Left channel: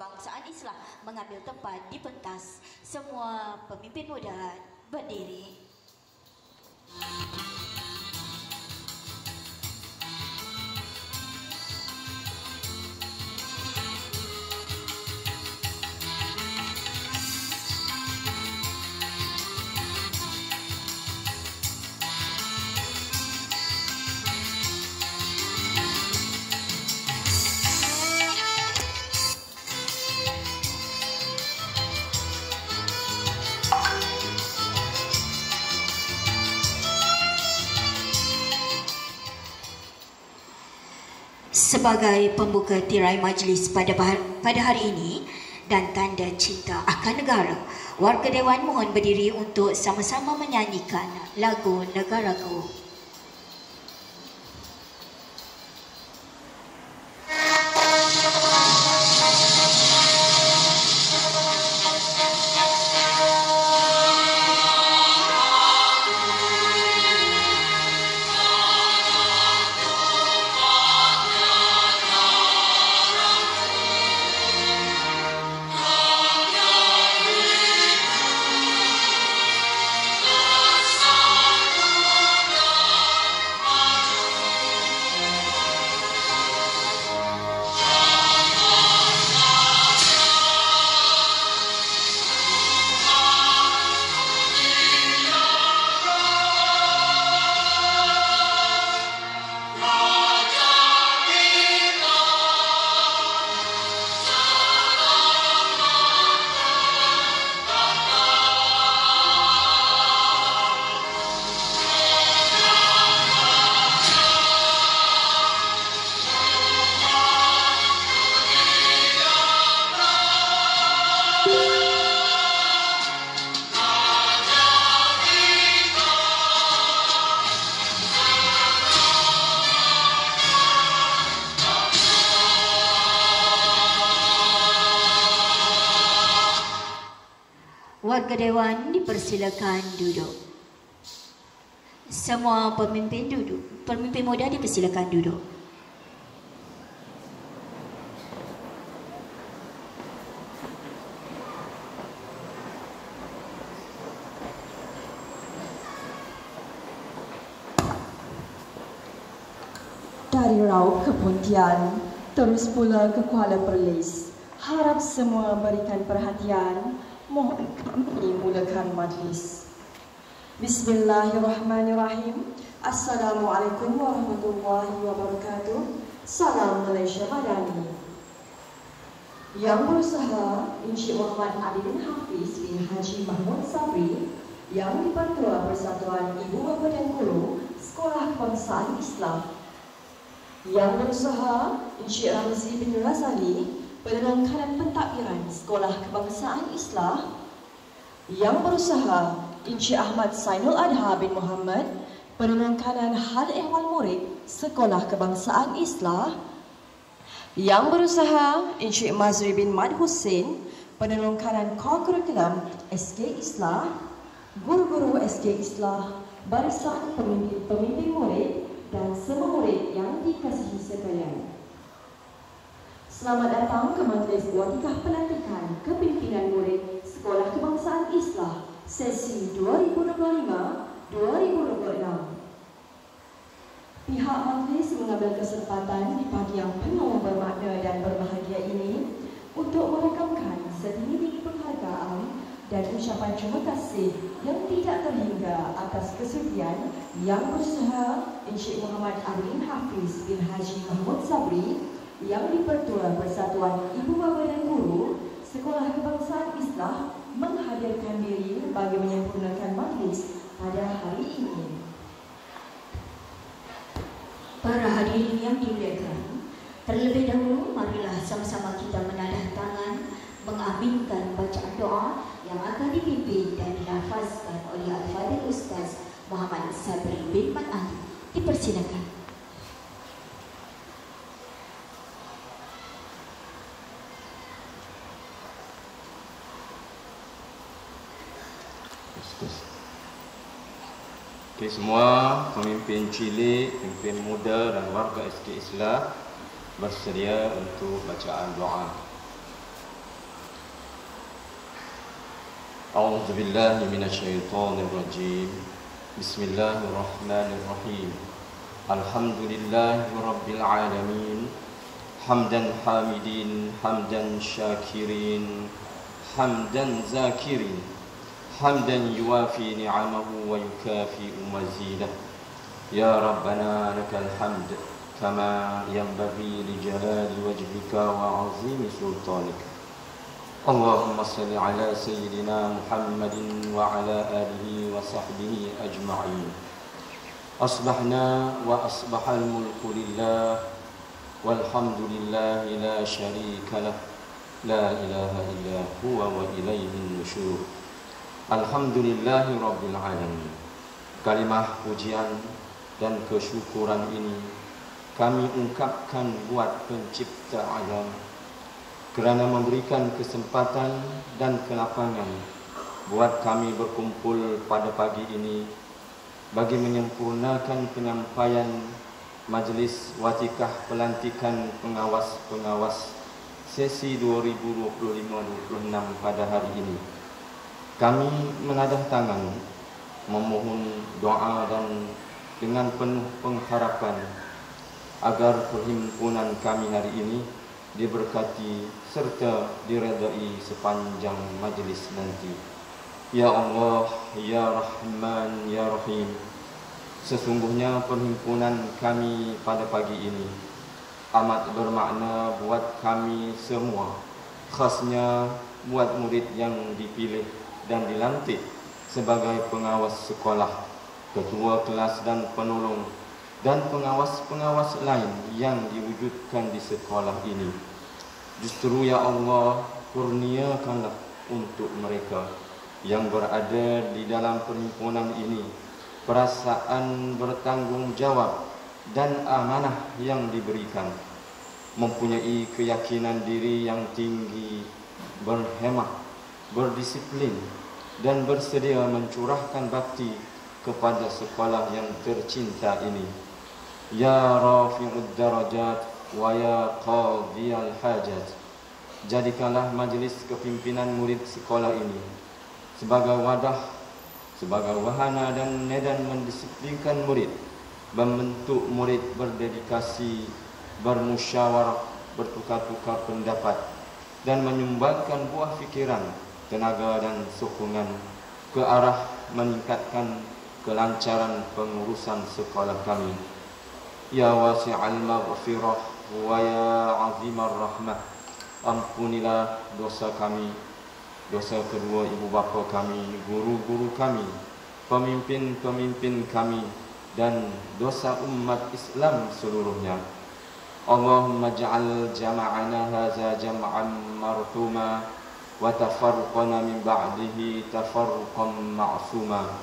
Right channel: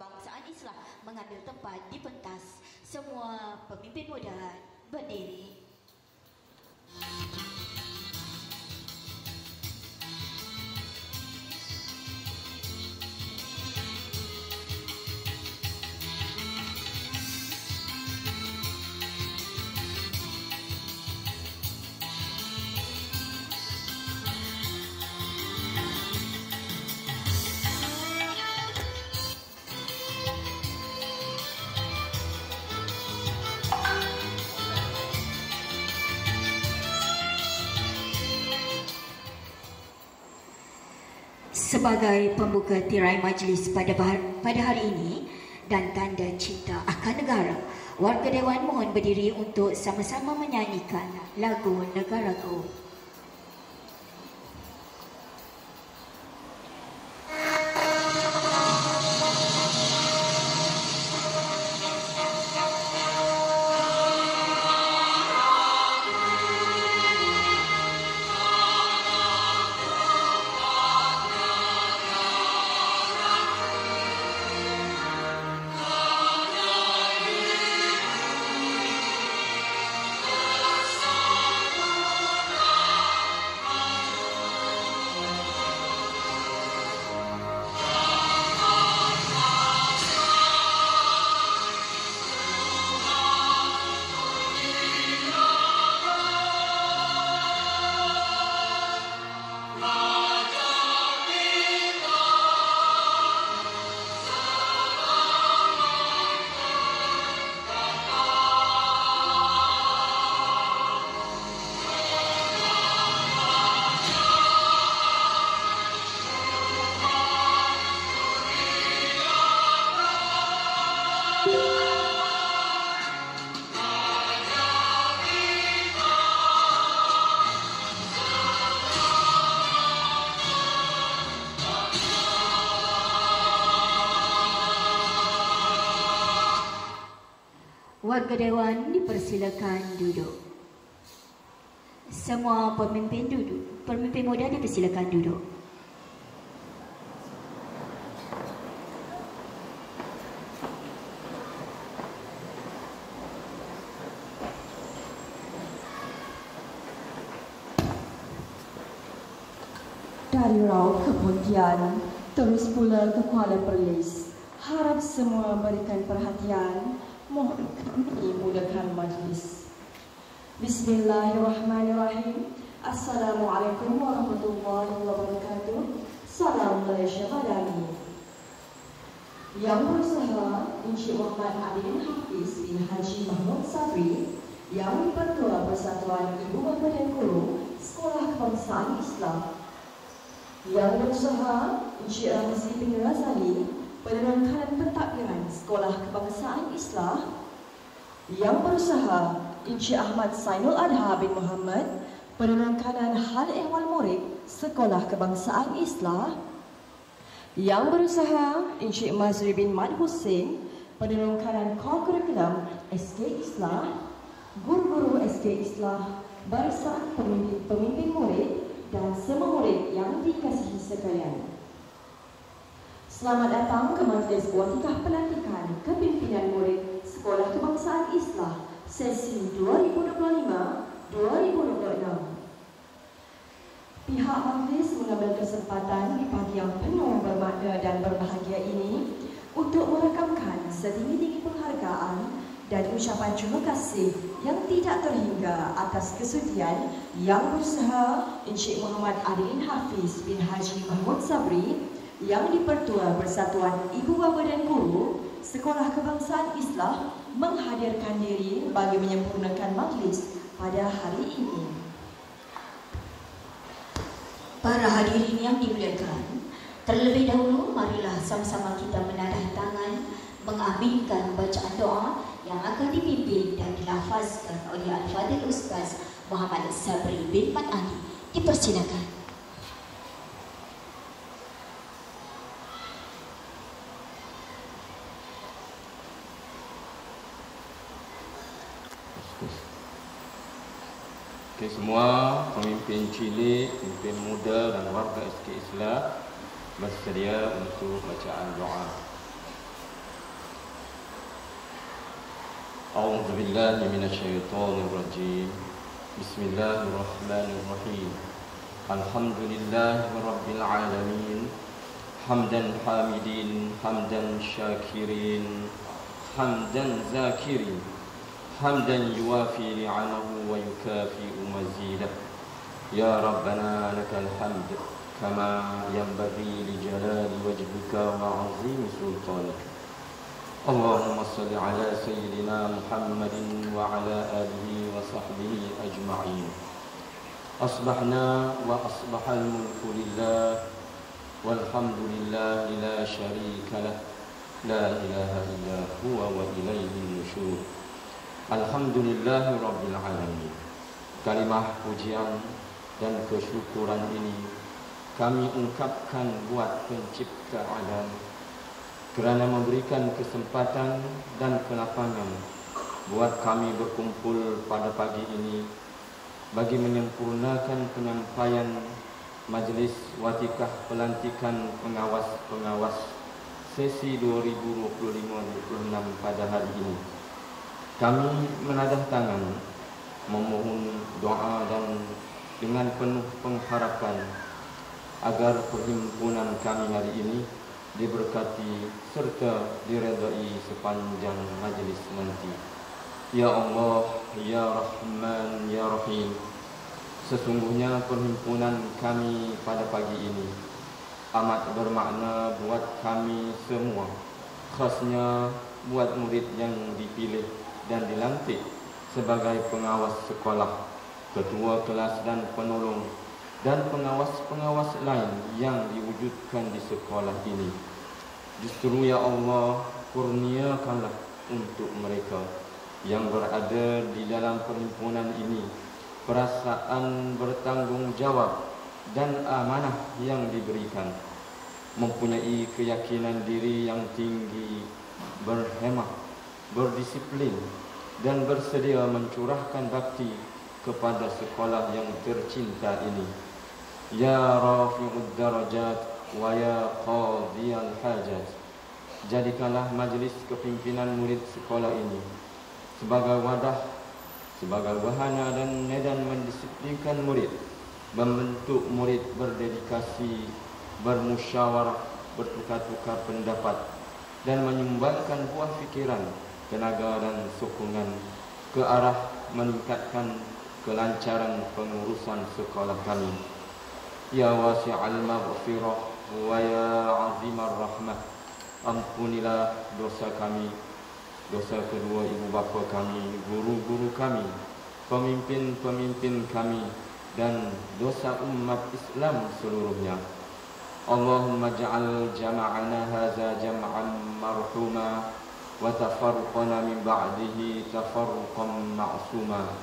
Kebangsaan Islam mengambil tempat di pentas. Semua pemimpin muda berdiri. Sebagai pembuka tirai majlis pada hari ini dan tanda cinta akan negara, warga Dewan mohon berdiri untuk sama-sama menyanyikan lagu Negaraku. Warga Dewan dipersilakan duduk. Semua pemimpin duduk. Pemimpin muda dipersilakan duduk. Dari Raub ke Pontian, terus pula ke Kuala Perlis. Harap semua berikan perhatian. Mohon kami mulakan majlis. Bismillahirrahmanirrahim. Assalamualaikum warahmatullahi wabarakatuh. Salam Malaysia Madani. Yang berusaha Encik Muhammad Ali bin Hafiz bin Haji Mahmud Sabri, yang di-Pertua Persatuan Ibu Bapa dan Guru Sekolah Kebangsaan Islam. Yang berusaha Encik Ramzi bin Razali, Perdana Kanan Pentadbiran Sekolah Kebangsaan Islam. Yang berusaha Encik Ahmad Sainul Adha bin Muhammad, Perdana Kanan Hal Ehwal Murid Sekolah Kebangsaan Islam. Yang berusaha Encik Mazri bin Mad Hussein, Perdana Kanan Kurikulum SK Islam, guru-guru SK Islam, barisan pemimpin murid dan semua murid yang dikasihi sekalian. Selamat datang ke majlis watikah pelantikan kepimpinan murid Sekolah Kebangsaan Islam sesi 2025-2026. Pihak majlis mengambil kesempatan di pagi yang penuh bermakna dan berbahagia ini untuk merakamkan setinggi-tinggi penghargaan dan ucapan terima kasih yang tidak terhingga atas kesudian Yang Berusaha Encik Muhammad Ali bin Hafiz bin Haji Mahmud Sabri, yang di-Pertua Persatuan Ibu Bapa dan Guru Sekolah Kebangsaan Islam menghadirkan diri bagi menyempurnakan majlis pada hari ini. Para hadirin yang dimuliakan, terlebih dahulu marilah sama-sama kita menadah tangan mengaminkan bacaan doa yang akan dipimpin dan dilafazkan oleh Al-Fadhil Ustaz Muhammad Sabri bin Mat Ali. Dipersilakan. Okey, semua pemimpin cilik, pemimpin muda dan warga SK Islam bersedia untuk bacaan doa. أعوذ بالله من الشيطان الرجيم بسم الله الرحمن الرحيم الحمد لله رب العالمين حمدا حامدين حمدا شاكرين حمدا ذاكرين حمدا يوافي نعمه ويكافئ مزيده يا ربنا لك الحمد كما ينبغي لجلال وجهك وعظيم سلطانك اللهم صل على سيدنا محمد وعلى آله وصحبه أجمعين أصبحنا وأصبح الملك لله والحمد لله لا شريك له لا إله إلا هو وإليه النشور الحمد لله رب العالمين. Kalimah pujian dan kesyukuran ini kami ungkapkan buat pencipta alam kerana memberikan kesempatan dan kelapangan buat kami berkumpul pada pagi ini bagi menyempurnakan penyampaian majlis watikah pelantikan pengawas-pengawas sesi 2025-26 pada hari ini. Kami menadah tangan memohon doa dan dengan penuh pengharapan agar perhimpunan kami hari ini diberkati serta diredai sepanjang majlis nanti. Ya Allah, Ya Rahman, Ya Rahim, sesungguhnya perhimpunan kami pada pagi ini amat bermakna buat kami semua, khasnya buat murid yang dipilih dan dilantik sebagai pengawas sekolah, ketua kelas dan penolong dan pengawas-pengawas lain yang diwujudkan di sekolah ini. Justru ya Allah, kurniakanlah untuk mereka yang berada di dalam perhimpunan ini perasaan bertanggungjawab dan amanah yang diberikan, mempunyai keyakinan diri yang tinggi, berhemah, berdisiplin dan bersedia mencurahkan bakti kepada sekolah yang tercinta ini. Ya Rafi'ud Darajat wa ya Qadiyal Hajat, jadikanlah majlis kepimpinan murid sekolah ini sebagai wadah, sebagai wahana dan medan mendisiplinkan murid, membentuk murid berdedikasi, bermusyawarah, bertukar-tukar pendapat dan menyumbangkan buah fikiran, tenaga dan sokongan ke arah meningkatkan kelancaran pengurusan sekolah kami. Ya wasi'al maghfirah wa ya azimar rahmah, ampunilah dosa kami, dosa kedua ibu bapa kami, guru-guru kami, pemimpin-pemimpin kami dan dosa umat Islam seluruhnya. Allahumma ja'al jama'ana hadza jam'an marhuma wa tafarruqana min ba'dihi tafarruqan ma'suma.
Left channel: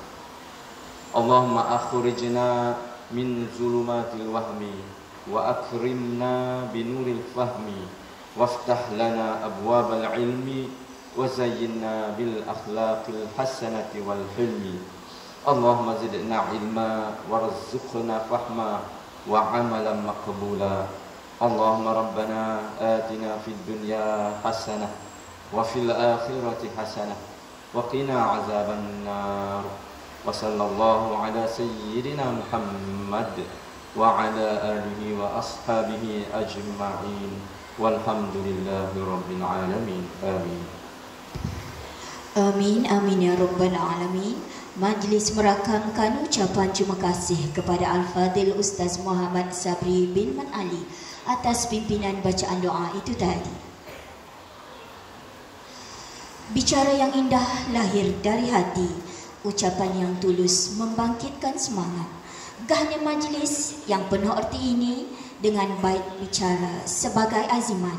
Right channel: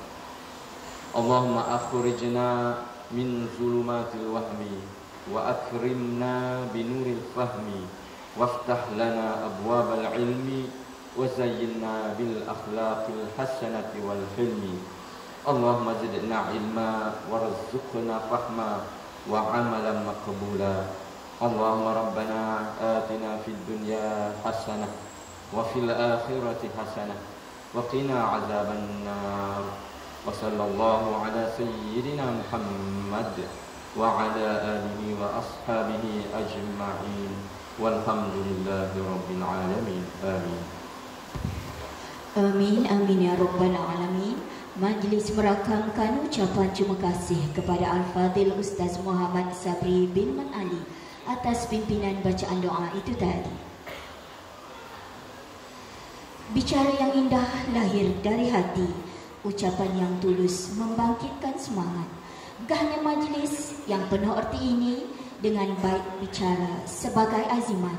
Allahumma akhrijna min zulumatil wahmi wa akrimna binuril fahmi waftah lana abwabal ilmi wa zayyinna bil akhlaqil hasanati wal hilmi. Allahumma zidna ilma warzuqna fahma wa amalan maqbula. Allahumma rabbana atina fid dunya hasanah wa fil akhirati hasanah wa qina azaban nar. Wa sallallahu ala sayyidina Muhammad wa ala alihi wa ashabihi ajma'in walhamdulillahi rabbil alamin. Amin. Amin, amin ya rabbal alamin. Majlis merakamkan ucapan terima kasih kepada Al-Fadhil Ustaz Muhammad Sabri bin Man Ali atas pimpinan bacaan doa itu tadi. Bicara yang indah lahir dari hati, ucapan yang tulus membangkitkan semangat. Gahnya majlis yang penuh erti ini dengan baik bicara sebagai azimat.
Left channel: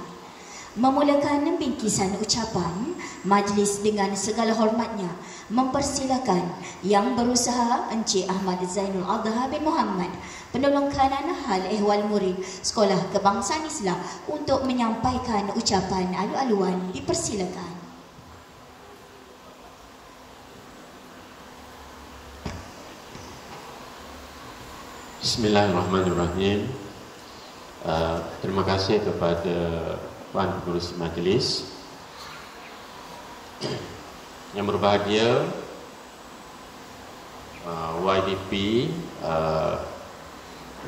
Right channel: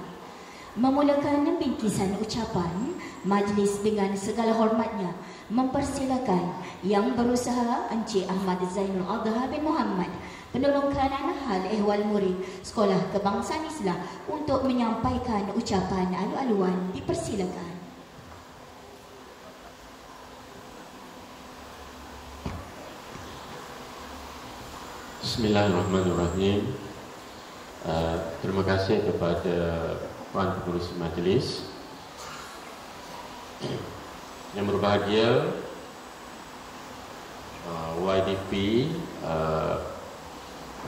Memulakan bingkisan ucapan, majlis dengan segala hormatnya mempersilakan yang berusaha Encik Ahmad Zainul Adha bin Muhammad, penolong kanan hal ehwal murid Sekolah Kebangsaan Islam untuk menyampaikan ucapan alu-aluan. Dipersilakan. Bismillahirrahmanirrahim. Terima kasih kepada Puan Pengurus Majlis. Yang berbahagia, YDP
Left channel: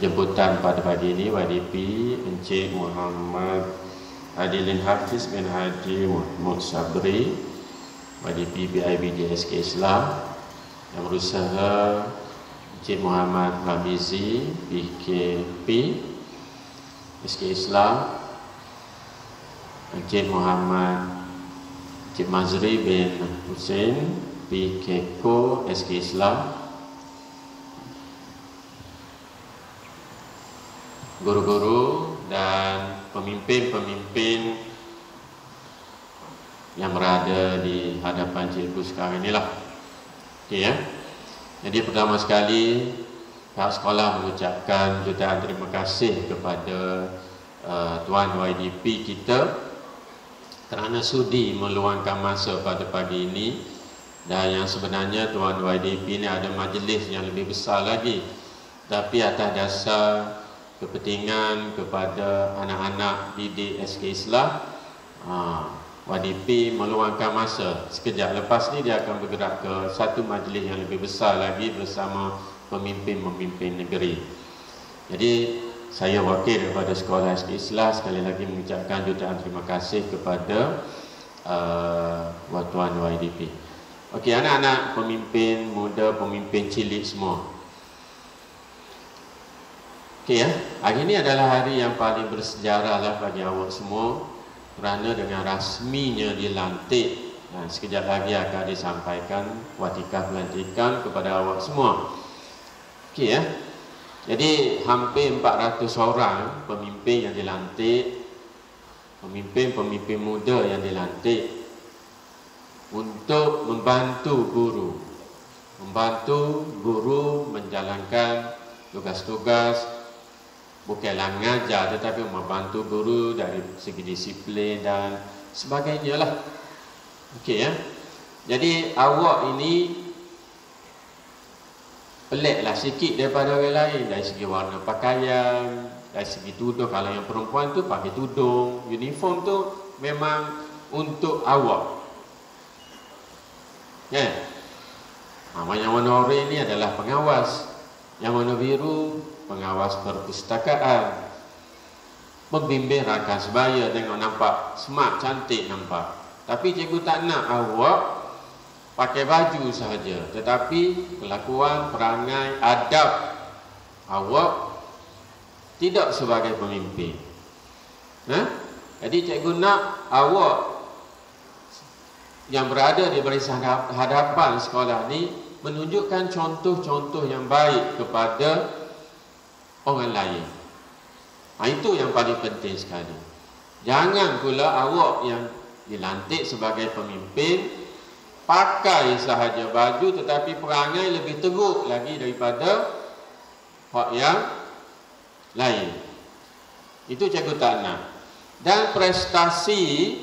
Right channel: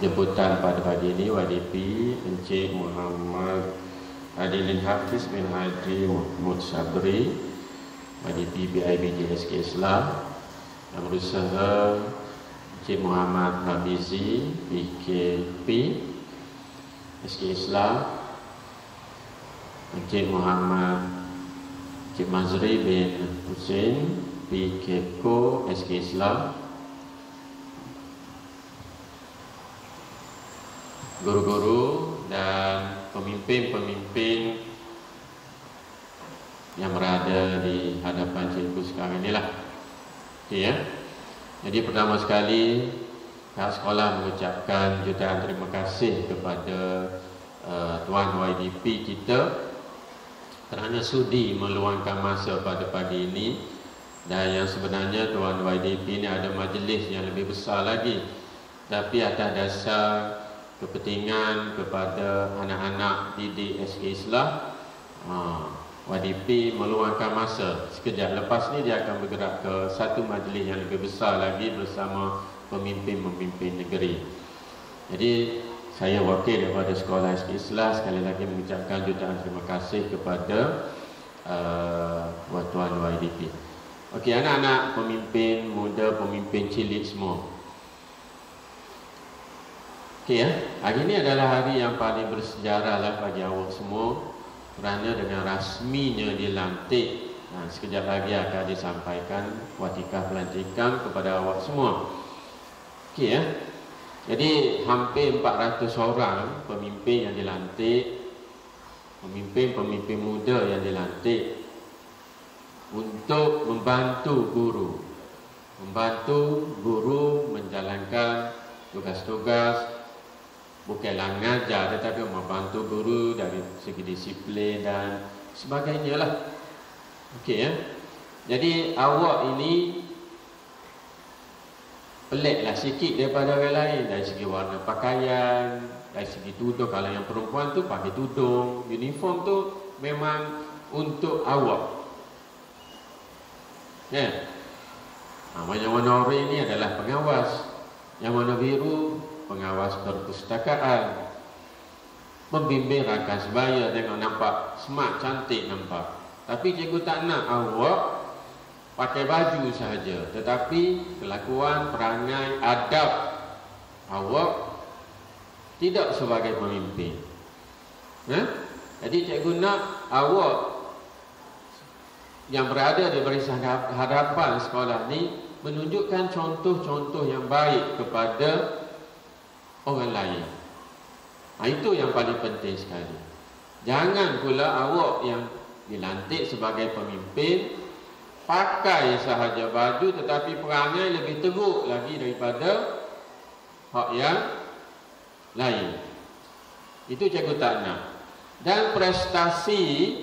jemputan pada pagi ini, YDP Encik Muhammad Adilin Hafiz bin Haji Mahmud Sabri, YDP BIBD SK Islam. Yang berusaha Encik Muhammad Habizi PKP SK Islam, Encik Muhammad Encik Mazri bin Hussein PKKO SK Islam, guru-guru dan pemimpin-pemimpin yang berada di hadapan cikgu sekarang inilah. Okey ya. Jadi pertama sekali pihak sekolah mengucapkan jutaan terima kasih kepada Tuan YDP kita kerana sudi meluangkan masa pada pagi ini. Dan yang sebenarnya Tuan YDP ini ada majlis yang lebih besar lagi, tapi atas dasar kepentingan kepada anak-anak didik SK Islam, YDP meluangkan masa. Sekejap lepas ni dia akan bergerak ke satu majlis yang lebih besar lagi bersama pemimpin-pemimpin negeri. Jadi saya wakil daripada Sekolah SK Islam sekali lagi mengucapkan jutaan terima kasih kepada Tuan YDP. Okey, anak-anak pemimpin muda, pemimpin cilik semua. Okey ya, hari ini adalah hari yang paling bersejarah lah bagi awak semua, kerana dengan rasminya dilantik, sekejap lagi akan disampaikan watika pelantikan kepada awak semua. Okey ya. Jadi hampir 400 orang pemimpin yang dilantik, pemimpin-pemimpin muda yang dilantik untuk membantu guru menjalankan tugas-tugas, bukanlah mengajar tetapi membantu guru dari segi disiplin dan sebagainya lah. Okey ya. Jadi awak ini peliklah sikit daripada orang lain dari segi warna pakaian, dari segi tudung. Kalau yang perempuan tu pakai tudung, uniform tu memang untuk awak. Ya. Yang warna oranye ini adalah pengawas. Yang warna biru pengawas perpustakaan. Membimbing rakan sebaya, tengok nampak smart, cantik nampak. Tapi cikgu tak nak awak pakai baju sahaja, tetapi kelakuan, perangai, adab awak tidak sebagai pemimpin. Jadi cikgu nak awak yang berada di barisan hadapan sekolah ni menunjukkan contoh-contoh yang baik kepada orang lain. Itu yang paling penting sekali. Jangan pula awak yang dilantik sebagai pemimpin pakai sahaja baju tetapi perangai lebih teruk lagi daripada hak yang lain. Itu cikgu tak nak. Dan prestasi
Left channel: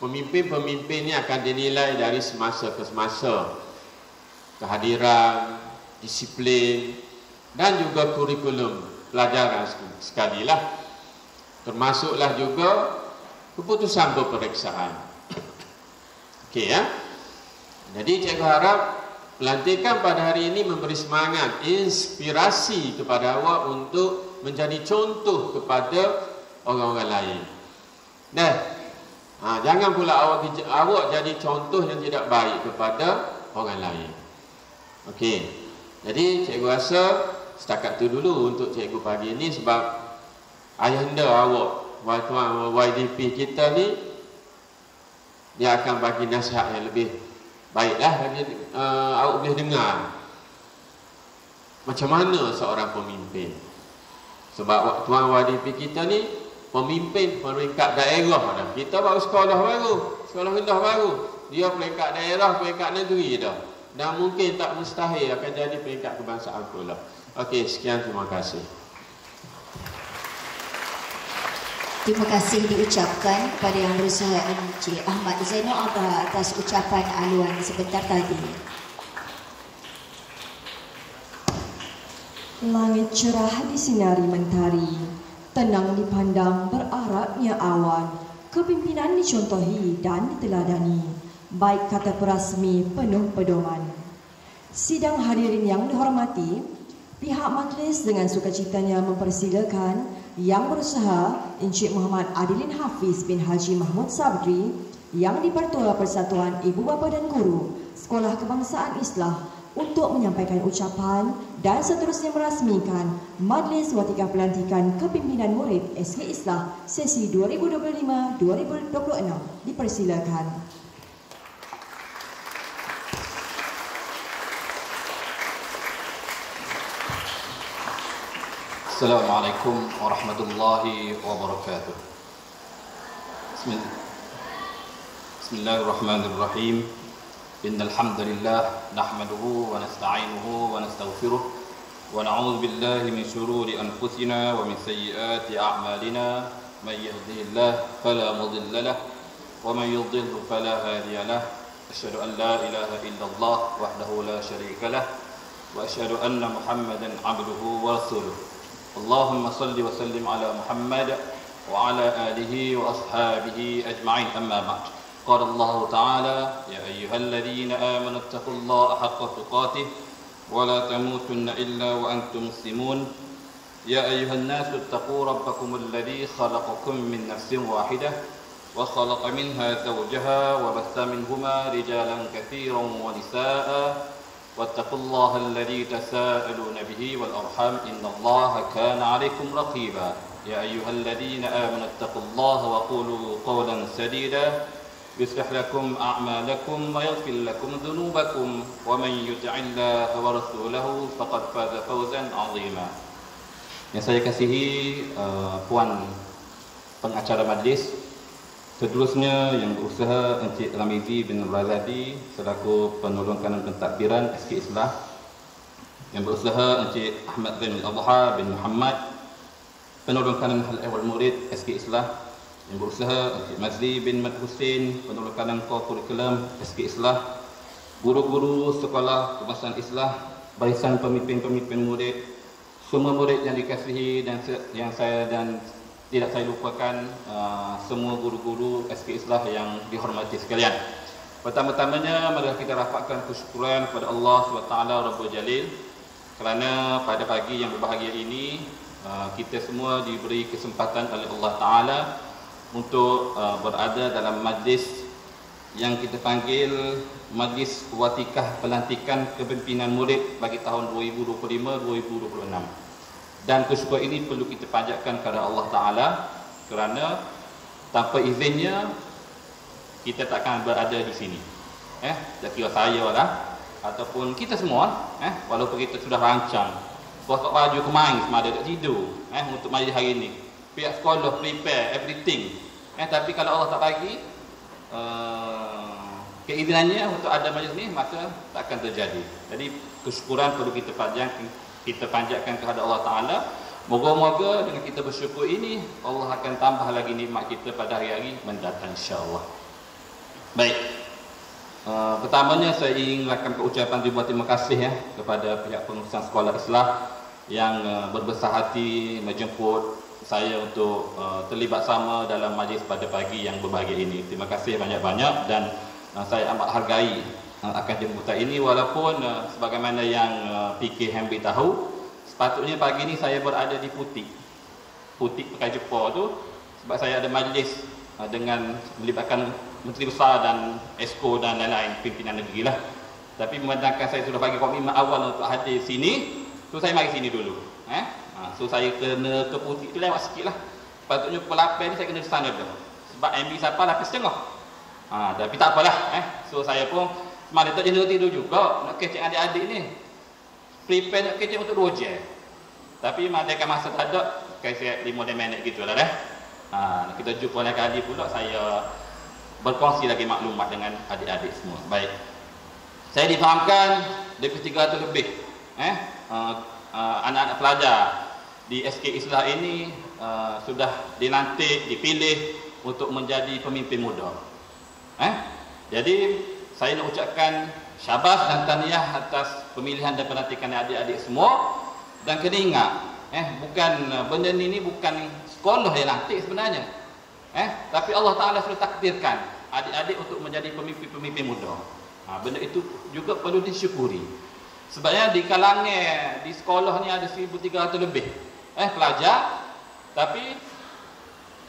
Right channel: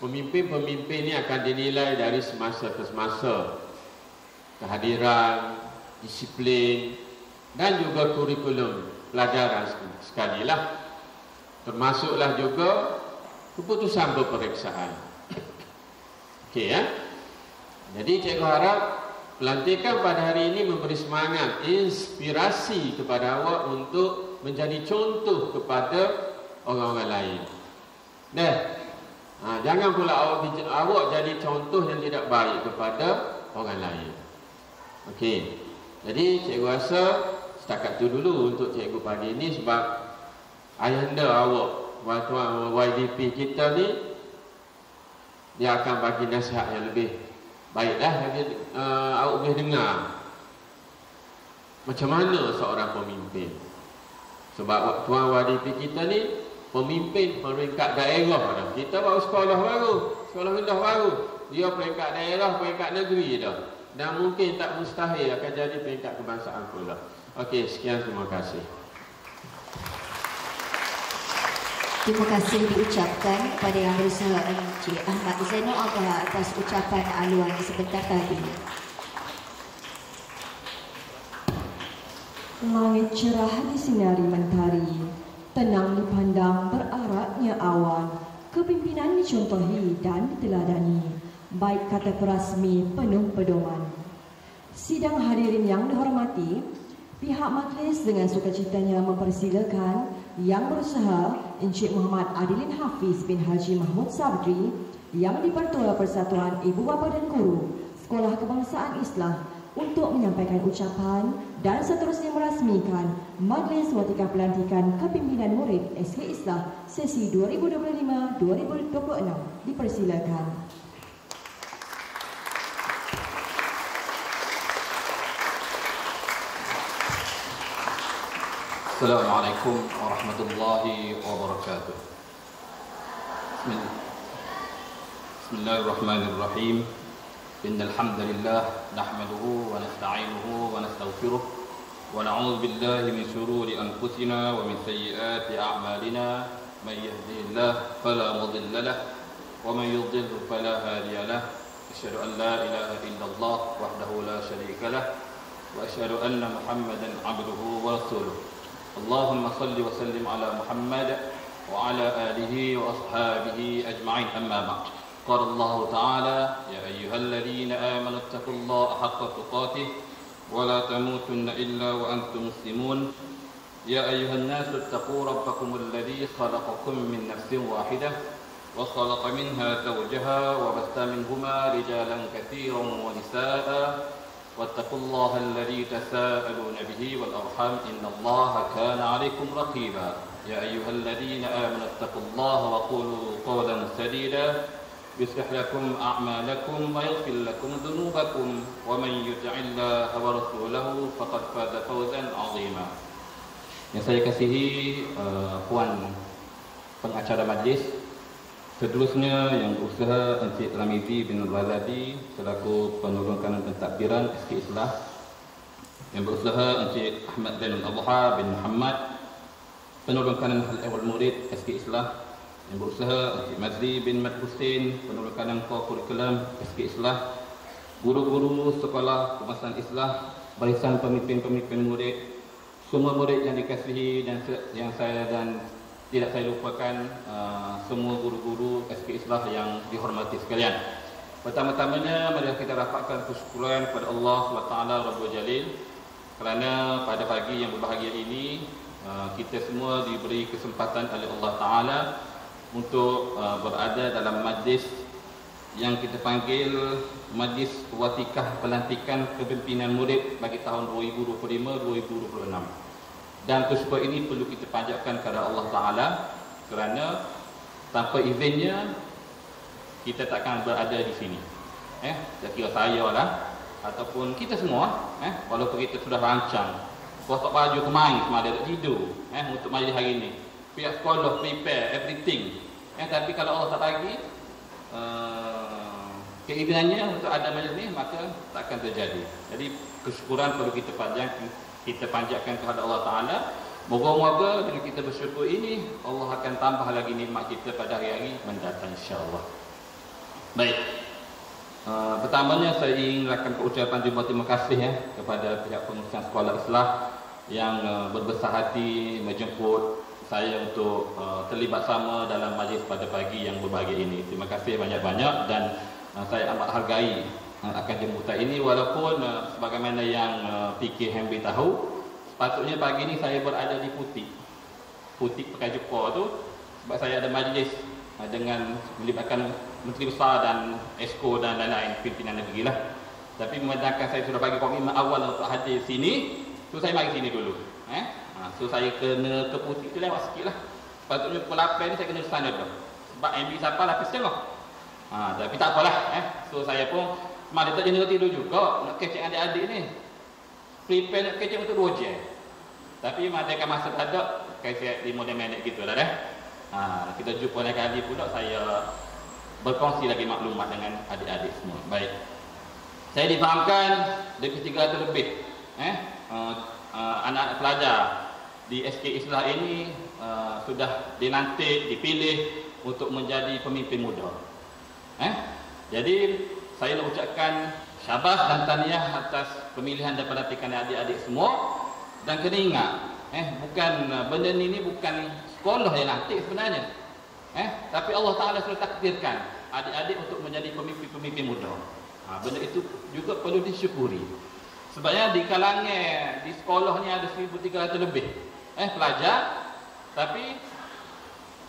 pemimpin-pemimpin ini akan dinilai dari semasa ke semasa. Kehadiran, disiplin dan juga kurikulum pelajaran sekalilah. Termasuklah juga keputusan berperiksaan. Okey ya. Jadi cikgu harap pelantikan pada hari ini memberi semangat, inspirasi kepada awak untuk menjadi contoh kepada orang-orang lain. Jangan pula awak jadi contoh yang tidak baik kepada orang lain. Okey. Jadi cikgu rasa setakat tu dulu untuk cikgu pagi ini, sebab ayahanda awak, Tuan YDP kita ni, dia akan bagi nasihat yang lebih baiklah, awak boleh dengar macam mana seorang pemimpin. Sebab Tuan YDP kita ni pemimpin peringkat daerah dah. Kita baru sekolah rendah baru. Dia peringkat daerah, peringkat negeri dah. Dan mungkin tak mustahil akan jadi peringkat kebangsaan pula. Okey, sekian, terima kasih. Terima kasih diucapkan kepada Yang Berusaha Encik Ahmad Zainul Abah atas ucapan aluan sebentar tadi. Langit cerah disinari mentari, tenang dipandang beraraknya awan, kepimpinan dicontohi dan diteladani, baik kata perasmi penuh pedoman. Sidang hadirin yang dihormati, pihak majlis dengan sukacitanya mempersilakan Yang Berusaha Encik Muhammad Adilin Hafiz bin Haji Mahmud Sabri, Yang di-Pertua Persatuan Ibu Bapa dan Guru Sekolah Kebangsaan Islah untuk menyampaikan ucapan dan seterusnya merasmikan Majlis Watika Pelantikan Kepimpinan Murid SK Islah sesi 2025-2026. Dipersilakan. Assalamualaikum warahmatullahi wabarakatuh. Bismillahirrahmanirrahim. Innal hamdalillah nahmaduhu wa nasta'inuhu wa nastaghfiruh wa na'udzu billahi min shururi anfusina wa min sayyiati a'malina. May yahdihillahu fala mudilla lahu wa man yudlil fala hadiya lahu. Asyhadu an la ilaha illallah wahdahu la syarika lahu wa asyhadu anna Muhammadan 'abduhu wa rasuluh. Allahumma salli wa sallim ala Muhammad wa ala alihi wa ashabihi ajma'in. Amma ba'd. قال الله تعالى يا أيها الذين آمنوا اتقوا الله حق تقاته ولا تموتن إلا وأنتم مسلمون يا أيها الناس اتقوا ربكم الذي خلقكم من نفس واحدة وخلق منها زوجها وبث منهما رجالا كثيرا ونساء واتقوا الله الذي تساءلون به والأرحام إن الله كان عليكم رقيبا يا أيها الذين آمنوا اتقوا الله وقولوا قولا سديدا يصلح لكم أعمالكم ويغفر لكم ذنوبكم ومن يطع الله ورسوله فقد فاز فوزا عظيما. Yang saya kasihi puan pengacara majlis, seterusnya yang berusaha Encik Ramizi bin Razadi selaku penolong kanan pentadbiran SK Islah, yang berusaha Encik Ahmad bin Abha bin Muhammad penolong kanan Hal Ehwal Murid SK Islah, yang berusaha Encik Mazli bin Mat Husin penolong kanan Kurikulum SK Islah, guru-guru sekolah kebangsaan Islah, barisan pemimpin-pemimpin murid, semua murid yang dikasihi dan yang saya dan tidak saya lupakan, semua guru-guru SK Islah yang dihormati sekalian. Pertama-tamanya mari kita rapatkan kesyukuran kepada Allah SWT Rabbul Jalil kerana pada pagi yang berbahagia ini kita semua diberi kesempatan oleh Allah Ta'ala untuk berada dalam majlis yang kita panggil Majlis Watikah Pelantikan Kepimpinan Murid bagi tahun 2025-2026. Dan kesyukuran ini perlu kita panjatkan kepada Allah Ta'ala kerana tanpa izinnya kita takkan berada di sini. Tak kira saya lah ataupun kita semua, walaupun kita sudah rancang kotak baju kemarin semalam tak tidur untuk majlis hari ini, pihak sekolah prepare everything, tapi kalau Allah tak bagi keizinannya untuk ada majlis ni, maka tak akan terjadi. Jadi kesyukuran perlu kita panjatkan kepada Allah Ta'ala. Moga-moga dengan kita bersyukur ini Allah akan tambah lagi nikmat kita pada hari-hari mendatang, insya-Allah. Baik, pertamanya saya ingin melakukan ucapan terima kasih kepada pihak pengurusan sekolah Islah yang berbesar hati menjemput saya untuk terlibat sama dalam majlis pada pagi yang berbahagia ini. Terima kasih banyak-banyak dan saya amat hargai akan jemputan ini, walaupun sebagaimana yang PK Hambi tahu, sepatutnya pagi ini saya berada di Putik Pekai Jepur tu sebab saya ada majlis dengan melibatkan Menteri Besar dan Esko dan lain-lain pimpinan negeri lah. Tapi memandangkan saya sudah bagi komitmen awal untuk hadir sini, so saya mari sini dulu. So saya kena ke Putik tu lewat sikit lah. Patutnya pukul 8 ni saya kena ke sana dah. Sebab MB sampai 8.30. Tapi tak apalah. So saya pun semalam tak jenis tidur juga nak kecek adik-adik ni. Prepare nak kecek untuk 2 jam. Tapi madakan masa tak ada, kecek 5 minit gitu lah dah. Kita jumpa lain kali pula saya berkongsi lagi maklumat dengan adik-adik semua. Baik. Saya difahamkan lebih 300 lebih anak-anak pelajar di SK Islah ini sudah dilantik, dipilih untuk menjadi pemimpin muda. Jadi saya nak ucapkan syabas dan tahniah atas pemilihan dan pelantikan adik-adik semua. Dan kena ingat, bukan benda ni bukan sekolah yang lantik sebenarnya. Tapi Allah Ta'ala sudah takdirkan adik-adik untuk menjadi pemimpin-pemimpin muda. Benda itu juga perlu disyukuri. Sebabnya di kalangan di sekolah ni ada 1,300 lebih pelajar, tapi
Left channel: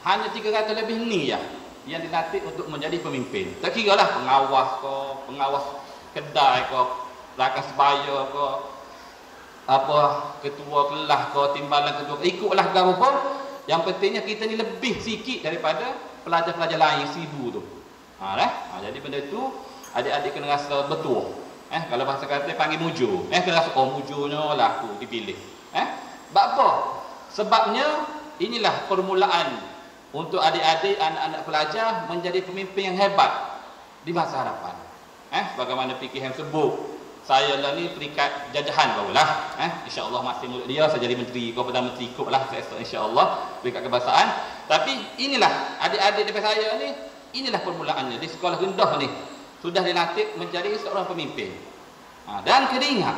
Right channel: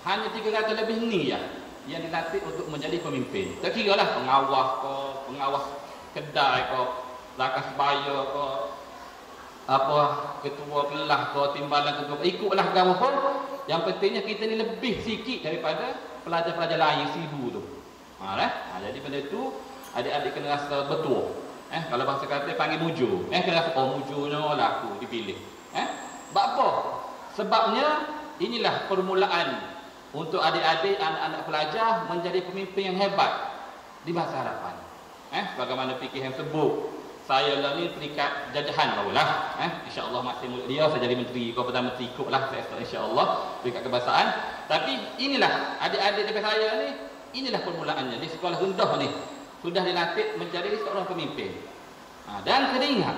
hanya 300 lebih ni ya yang dilatih untuk menjadi pemimpin. Tak kira lah pengawas kedai ke, rakan sebaya ke, ketua kelas ke, timbalan ketua, ikutlah agama pun. Yang pentingnya kita ni lebih sikit daripada pelajar-pelajar lain 1,000 tu. Jadi benda itu adik-adik kena rasa betul. Kalau bahasa kata panggil mujur. Kena rasa mujurnya lah aku dipilih. Sebab apa? Sebabnya inilah permulaan untuk adik-adik, anak-anak pelajar menjadi pemimpin yang hebat di masa hadapan. Bagaimana PKM sebut, saya lah ni terikat jajahan barulah. InsyaAllah masih mulut dia, saya jadi menteri, Perdana Menteri ikut lah insyaAllah terikat kebangsaan. Tapi inilah adik-adik daripada saya ni, inilah permulaannya di sekolah rendah ni sudah dilatih menjadi seorang pemimpin. Dan kena ingat,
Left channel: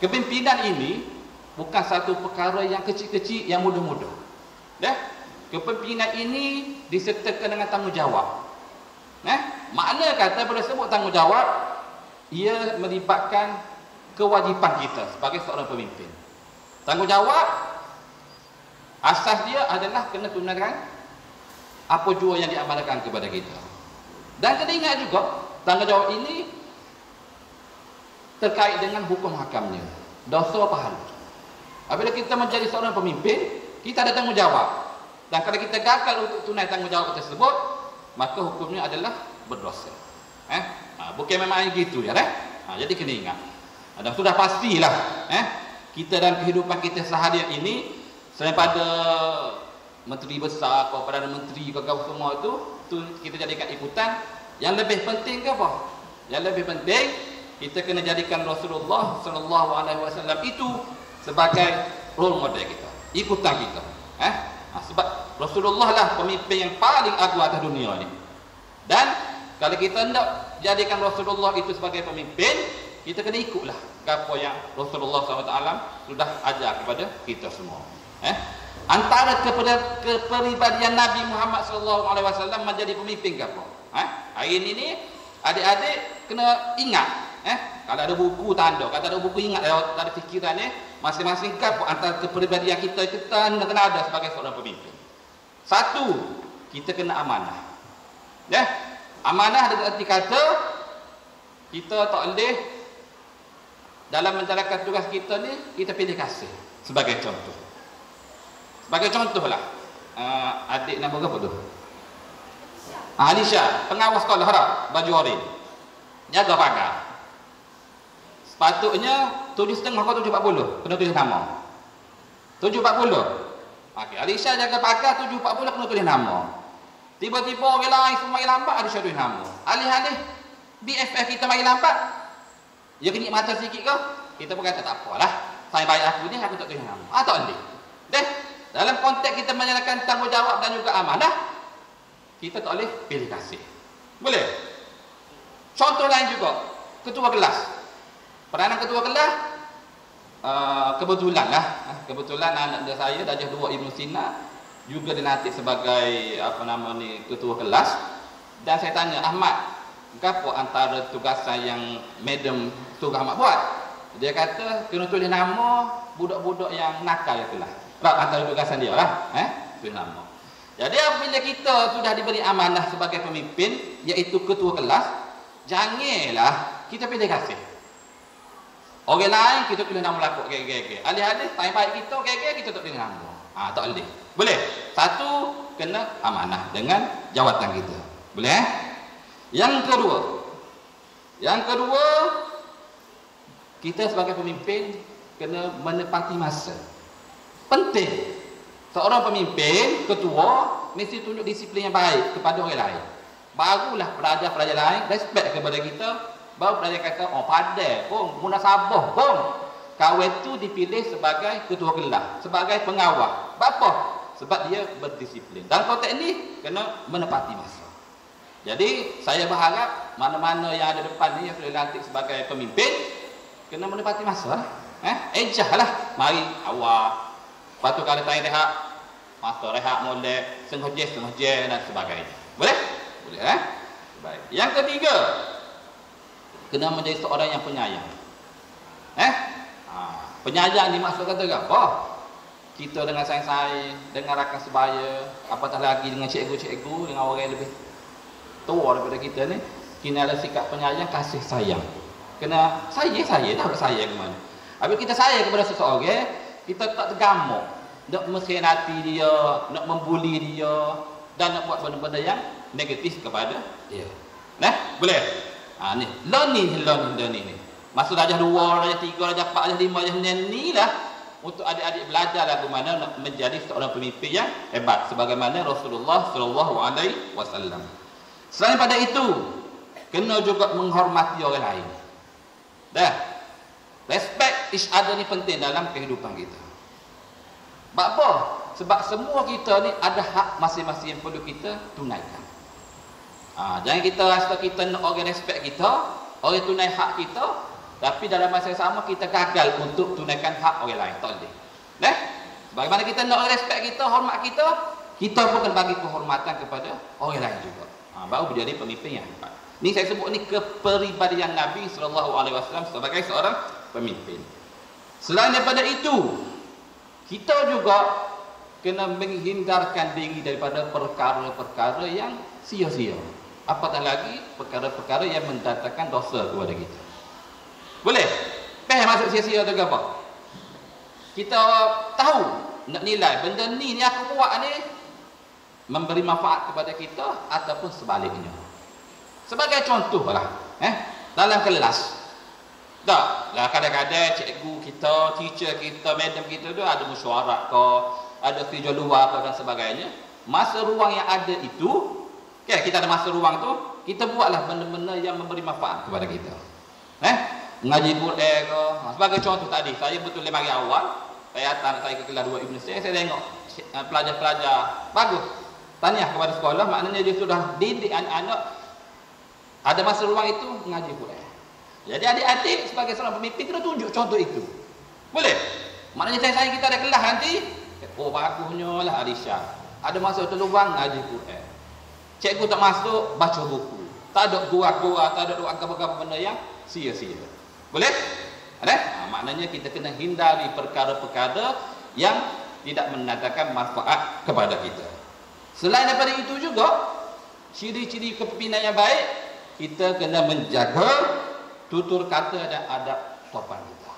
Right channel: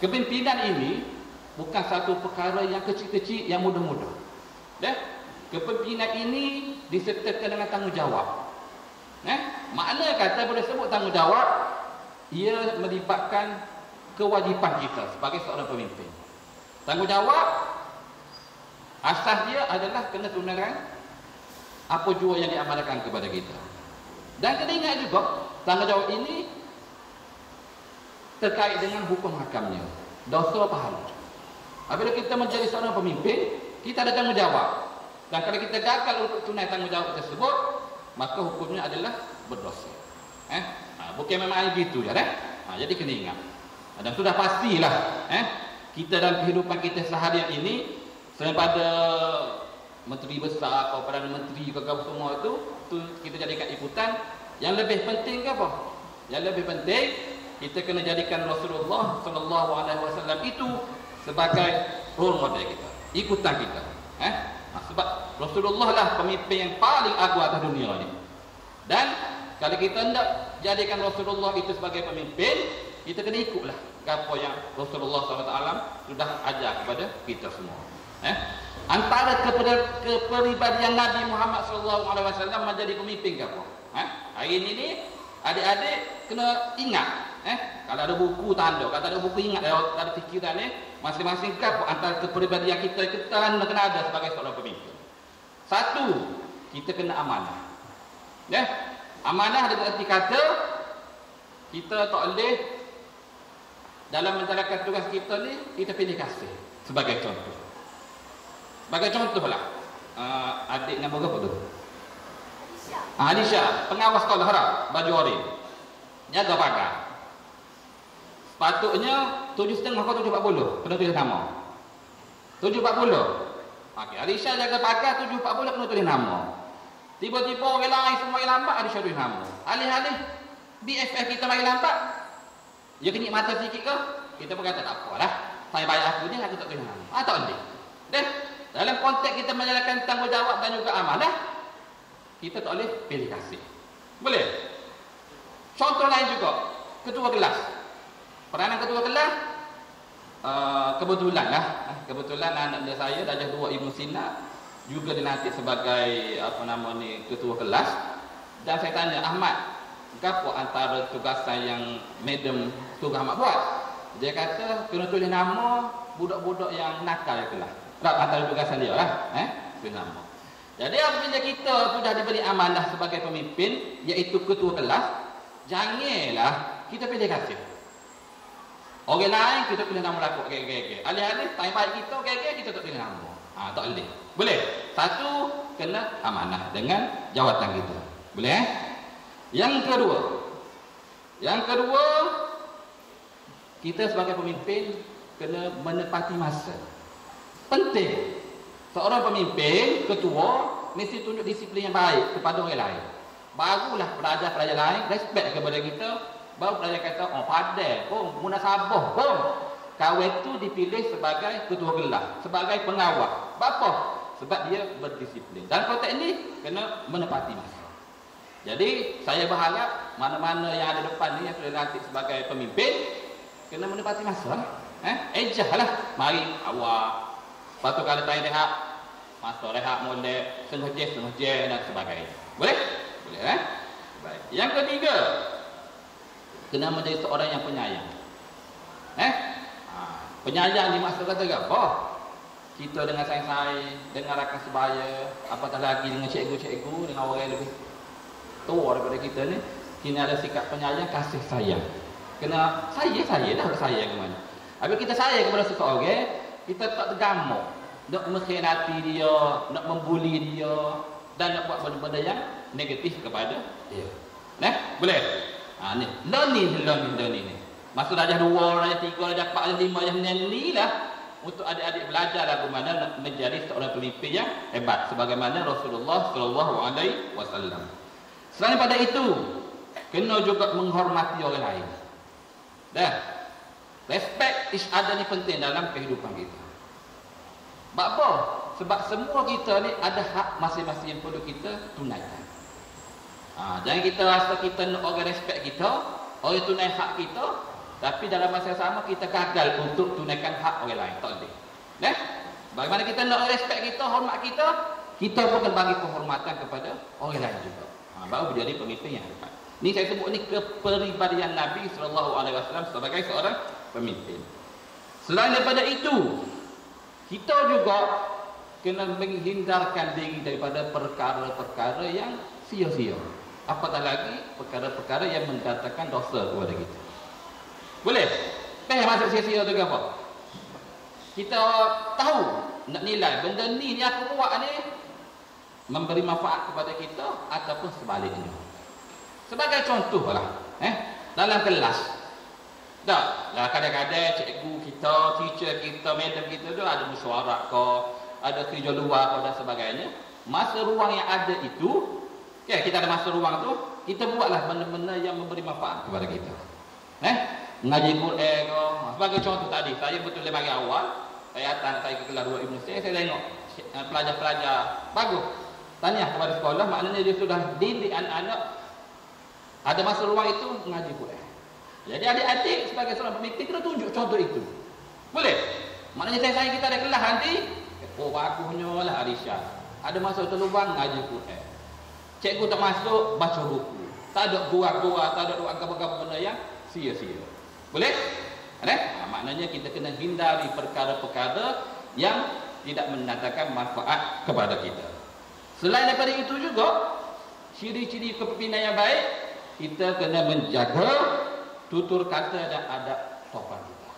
kepimpinan ini bukan satu perkara yang kecil-kecil, yang mudah-mudah. Kepimpinan ini disertakan dengan tanggungjawab. Makna kata bila sebut tanggungjawab, ia melibatkan kewajipan kita sebagai seorang pemimpin. Tanggungjawab asas dia adalah kena tunaikan apa jua yang diamanahkan kepada kita. Dan kena ingat juga tanggungjawab ini terkait dengan hukum hakamnya, dosa pahala. Apabila kita menjadi seorang pemimpin, kita ada tanggungjawab. Dan kalau kita gagal untuk tunai tanggungjawab tersebut, maka hukumnya adalah berdosa. Bukan memang gitu ya. Jadi kena ingat. Dan sudah pastilah kita dalam kehidupan kita seharian ini, selain pada menteri besar atau Perdana Menteri pegawai semua itu kita jadikan ikutan. Yang lebih penting ke apa? Yang lebih penting kita kena jadikan Rasulullah SAW itu sebagai role model kita, ikutan kita. Sebab Rasulullah lah pemimpin yang paling agung atas dunia ni. Dan kalau kita hendak jadikan Rasulullah itu sebagai pemimpin, kita kena ikutlah apa yang Rasulullah SAW sudah ajar kepada kita semua. Antara kepribadian Nabi Muhammad SAW menjadi pemimpin ke apa? Hari ini adik-adik kena ingat. Kalau ada buku tanda, kalau ada buku ingat, ada fikiran masing-masing kap antara kepribadian kita kena ada sebagai seorang pemimpin. Satu, kita kena amanah. Amanah dengan arti kata kita tak boleh dalam menjalankan tugas kita ni kita pilih kasih. Sebagai contoh. Sebagai contohlah, adik nama berapa tu? Alisha, pengawas sekolah harap baju oren. Jaga pagar. Sepatutnya 7.30 atau 7.40 kena tulis nama. 7.40. Okey, Alisha jaga pagar 7.40 kena tulis nama. Tiba-tiba orang lain semua yang lambat, Alisha tulis nama. Alih-alih BFF kita main lambat, dia kenyit mata sikit ke, kita pun kata tak apalah, saya bayar aku ni, aku tak tulis nama. Tak boleh. Dalam konteks kita menjalankan tanggungjawab dan juga amanah, kita tak boleh pilih kasih. Boleh? Contoh lain juga, ketua kelas. Peranan ketua kelas, kebetulan anak saya darjah 2 Ibnu Sina juga dilantik sebagai ketua kelas. Dan saya tanya, Ahmad, apa antara tugasan yang Madam suruh Ahmad buat? Dia kata kena tulis nama budak-budak yang nakal di kelas. Antara tugasan dia lah, tulis nama. Jadi apabila kita sudah diberi amanah sebagai pemimpin, iaitu ketua kelas, janganlah kita pilih kasih. Orang lain kita tulis nama lakuk gege. Alih-alih time baik kita tak tulis nama. Tak boleh. Boleh. Satu, kena amanah dengan jawatan kita. Boleh? Yang kedua, kita sebagai pemimpin kena menepati masa. Penting. Seorang pemimpin, ketua, mesti tunjuk disiplin yang baik kepada orang lain. Barulah pelajar-pelajar lain respect kepada kita. Baru pelajar kata, pandai pun, munasabah pun, kawan itu dipilih sebagai ketua kelas, sebagai pengawal. Apa? Sebab dia berdisiplin. Dan konteks ini kena menepati masa. Jadi saya berharap mana-mana yang ada depan ni yang sudah dilantik sebagai pemimpin kena menepati masa. Ejah lah. Mari awal. Lepas tu kalau time rehat, masa rehat molek, setengah jam dan sebagainya. Boleh? Yang ketiga, kena menjadi seorang yang penyayang. Penyayang dimaksud kata apa? Kita dengan sayang-sayang, dengan rakan sebaya, apatah lagi dengan cikgu-cikgu, dengan orang yang lebih tua daripada kita ni, kena ada sikap penyayang, kasih sayang. Kena sayang dah bersayang ke mana. Apabila kita sayang kepada seseorang, kita tak tergamuk nak mengkhianati dia, nak membuli dia, dan nak buat benda-benda yang negatif kepada dia. Boleh? Ni learning ni. Masuk darjah 2, darjah 3, darjah 4, darjah 5, darjah 6 ni lah untuk adik-adik belajar bagaimana nak menjadi seorang pemimpin yang hebat sebagaimana Rasulullah sallallahu alaihi wasallam. Selain daripada itu, kena juga menghormati orang lain. Respect each other ni penting dalam kehidupan kita. Sebab apa? Sebab semua kita ni ada hak masing-masing yang perlu kita tunaikan. Jangan kita rasa kita nak orang respect kita, orang tunai hak kita, tapi dalam masa yang sama kita gagal untuk tunaikan hak orang lain. Tak boleh. Bagaimana kita nak orang respect kita, hormat kita, kita pun kena bagi penghormatan kepada orang lain juga. Baru menjadi pemimpin yang hebat. Ni saya sebut ni kepribadian Nabi SAW sebagai seorang pemimpin. Selain daripada itu, kita juga kena menghindarkan diri daripada perkara-perkara yang sia-sia. Apatah lagi perkara-perkara yang mendatangkan dosa kepada kita. Boleh? Masuk sia-sia tu ke apa? Kita tahu, nak nilai benda ni aku buat ni memberi manfaat kepada kita ataupun sebaliknya. Sebagai contoh lah, dalam kelas. Kadang-kadang cikgu kita, teacher kita, madam kita tu ada mesyuarat ke, ada kerja luar ke dan sebagainya. Masa ruang yang ada itu, kita ada masa ruang tu, kita buatlah benda-benda yang memberi manfaat kepada kita. Mengaji Quran ke. Sebagai contoh tadi, saya betul dari pagi awal, saya datang saya ke kelas 2 Ibn Sina, saya tengok pelajar-pelajar bagus. Tahniah kepada sekolah, maknanya dia sudah didik anak-anak ada masa ruang itu mengaji Quran. Jadi adik-adik sebagai seorang pemimpin kena tunjuk contoh itu. Boleh? Maknanya saya kita ada kelas nanti, bagusnya lah Alisha. Ada masa tu lubang ngaji Quran. Cikgu tak masuk, baca buku. Tak ada gua-gua, tak ada agama-agama benda yang sia-sia. Boleh? Maknanya kita kena hindari perkara-perkara yang tidak mendatangkan manfaat kepada kita. Selain daripada itu juga, ciri-ciri kepimpinan yang baik, kita kena menjaga tutur kata dan adab sopan kita.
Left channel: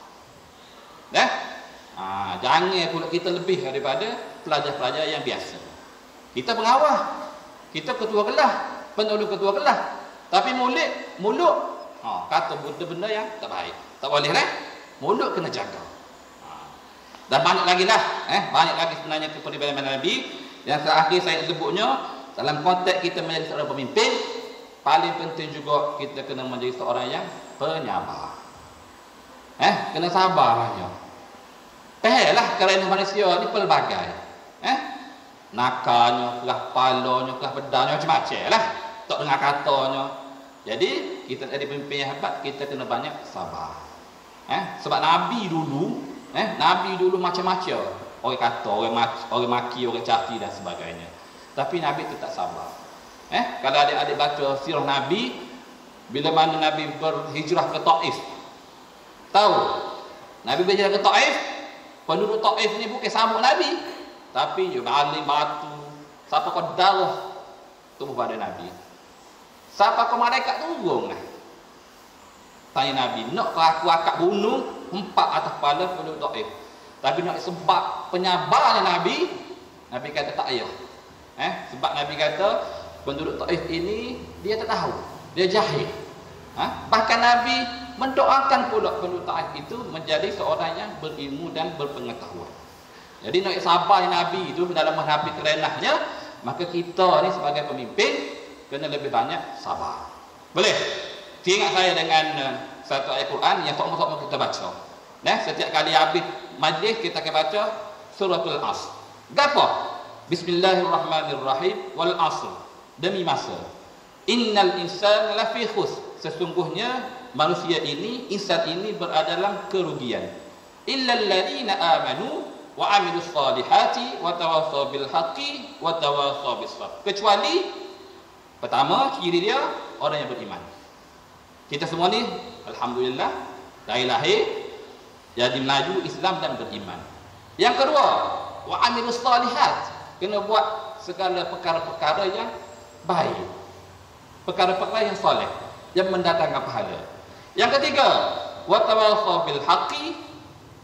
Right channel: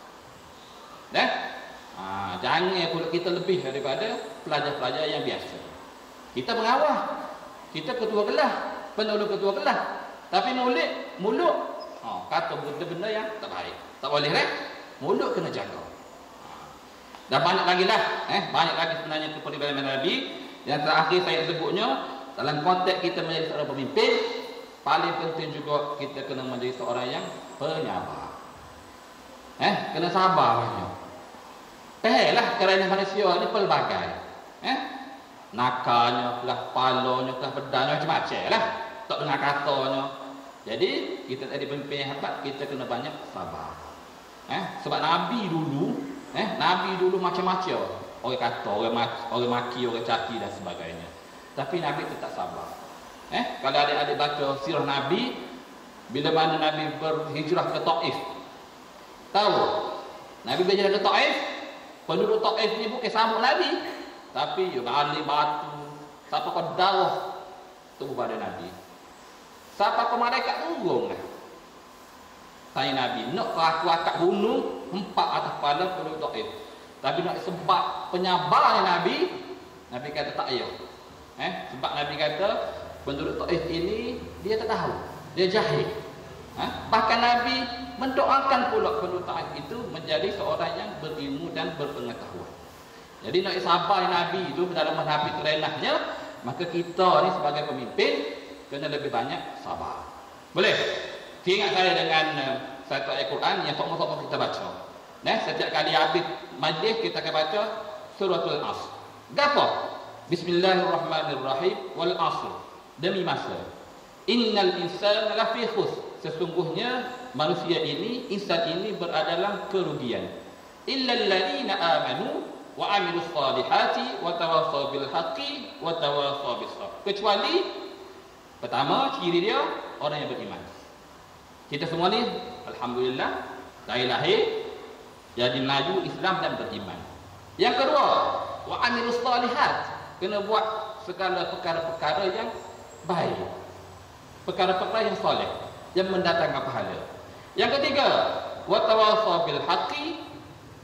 Jangan pula kita lebih daripada pelajar-pelajar yang biasa. Kita pengawal, kita ketua kelas, penolong ketua kelas. Tapi mulut kata benda-benda yang tak baik. Tak boleh mulut kena jaga. Dan banyak lagi lah, banyak lagi sebenarnya kepribadian Nabi. Yang terakhir saya sebutnya, dalam konteks kita menjadi seorang pemimpin, paling penting juga kita kena menjadi seorang yang penyabar. Kena sabar banyak. Lah kerana manusia ni pelbagai. Nakalnya, kelah palanya, kelah pedangnya, macam-macam lah. Tak dengar katanya. Jadi kita jadi pemimpin yang hebat, kita kena banyak sabar. Sebab Nabi dulu macam-macam. Orang kata, orang maki, orang caci dan sebagainya. Tapi Nabi tetap sabar. Kalau adik-adik baca sirah Nabi, bila mana Nabi berhijrah ke Taif, tahu? Nabi berhijrah ke Taif, penduduk Taif ni bukan sambung Nabi, tapi balik batu, siapa kau darah tubuh pada Nabi. Siapa kau malaikat turun tanya Nabi, nak kau aku akak bunuh 4 atas kepala penduduk Taif. Tapi nak sebab penyabar Nabi kata tak payah. Sebab Nabi kata penduduk Taif ini dia tak tahu, dia jahil. Bahkan Nabi mendoakan pula penduduk Taif itu menjadi seorang yang berilmu dan berpengetahuan. Jadi nak sabar Nabi itu dalam menghadapi kerenahnya, maka kita ni sebagai pemimpin kena lebih banyak sabar. Boleh? Teringat saya dengan satu ayat Quran yang sama-sama kita baca. Setiap kali habis majlis kita akan baca suratul Asr. Gapo? Bismillahirrahmanirrahim wal asr. Demi masa. Innal insana lafi khusr. Sesungguhnya manusia ini, insan ini berada dalam kerugian. Illal ladzina amanu wa amilus solihati wa tawassaw bil haqqi wa tawassaw bis sabr. Kecuali pertama ciri dia orang yang beriman. Kita semua ni alhamdulillah dari lahir jadi melaju Islam dan beriman. Yang kedua, wa amilus salihat, kena buat segala perkara-perkara yang baik, perkara-perkara yang soleh, yang mendatangkan pahala. Yang ketiga, wa tawassaw bil haqqi,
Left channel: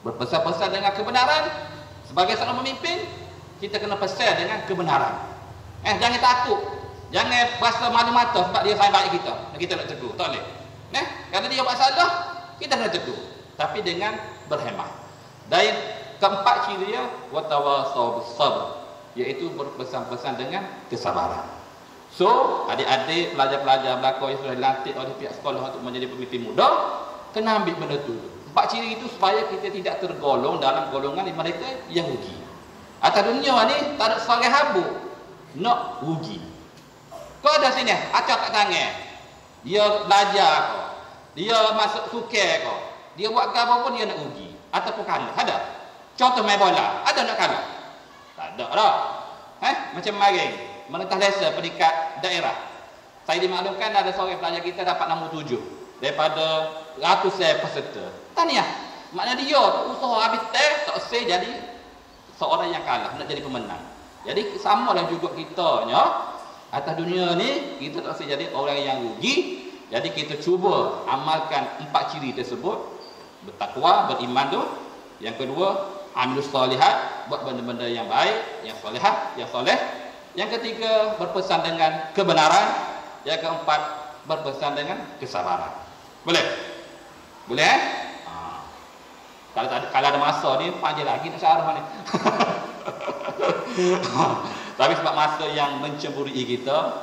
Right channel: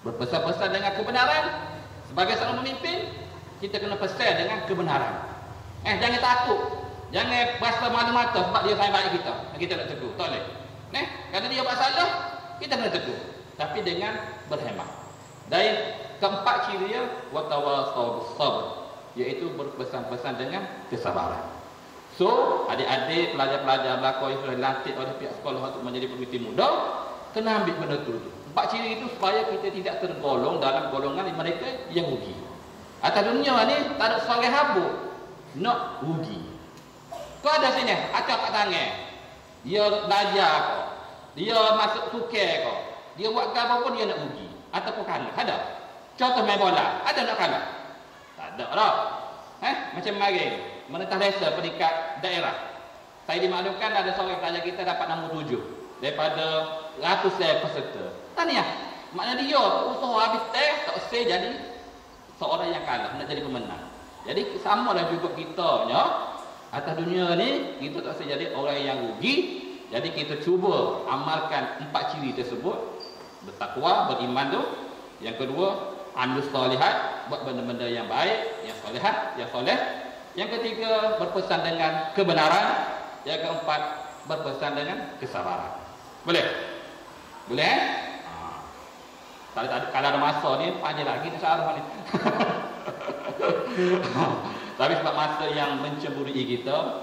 berpesan-pesan dengan kebenaran. Sebagai seorang pemimpin, kita kena pesan dengan kebenaran. Jangan takut, jangan rasa malu-mata sebab dia sayang baik kita nak tegur, tak boleh. Kalau dia buat salah, kita kena tegur, tapi dengan berhemah. Dan keempat ciri dia, wa tawassaw bis sabr, iaitu berpesan-pesan dengan kesabaran. So, adik-adik, pelajar-pelajar belakang yang sudah dilantik oleh pihak sekolah untuk menjadi pemimpin muda, kena ambil benda tu. Empat ciri itu supaya kita tidak tergolong dalam golongan mereka yang rugi. Atas dunia ni tak ada seorang habuk nak rugi. Kau ada sini, acak kat tangan, dia belajar kau, dia masuk suket kau, dia buat apa pun dia nak rugi ataupun kalah. Ada? Contoh main bola, ada nak kalah? Tak ada dah. Macam kemarin menentang desa peringkat daerah, saya dimaklumkan ada seorang pelajar kita dapat nombor 7 daripada ratusan peserta. Tahniah. Maknanya dia usaha habis test tak usah jadi seorang yang kalah, nak jadi pemenang. Jadi samalah juga kita nya atas dunia ni, kita tak usah jadi orang yang rugi. Jadi kita cuba amalkan empat ciri tersebut, bertakwa, beriman tu. Yang kedua, amilus solihat, buat benda-benda yang baik, yang solehat, yang soleh. Yang ketiga, berpesan dengan kebenaran. Yang keempat, berpesan dengan kesabaran. Boleh? Boleh? Kalau ada masa ni, panjang lagi nak syarah ni. Tapi sebab masa yang mencemburui kita,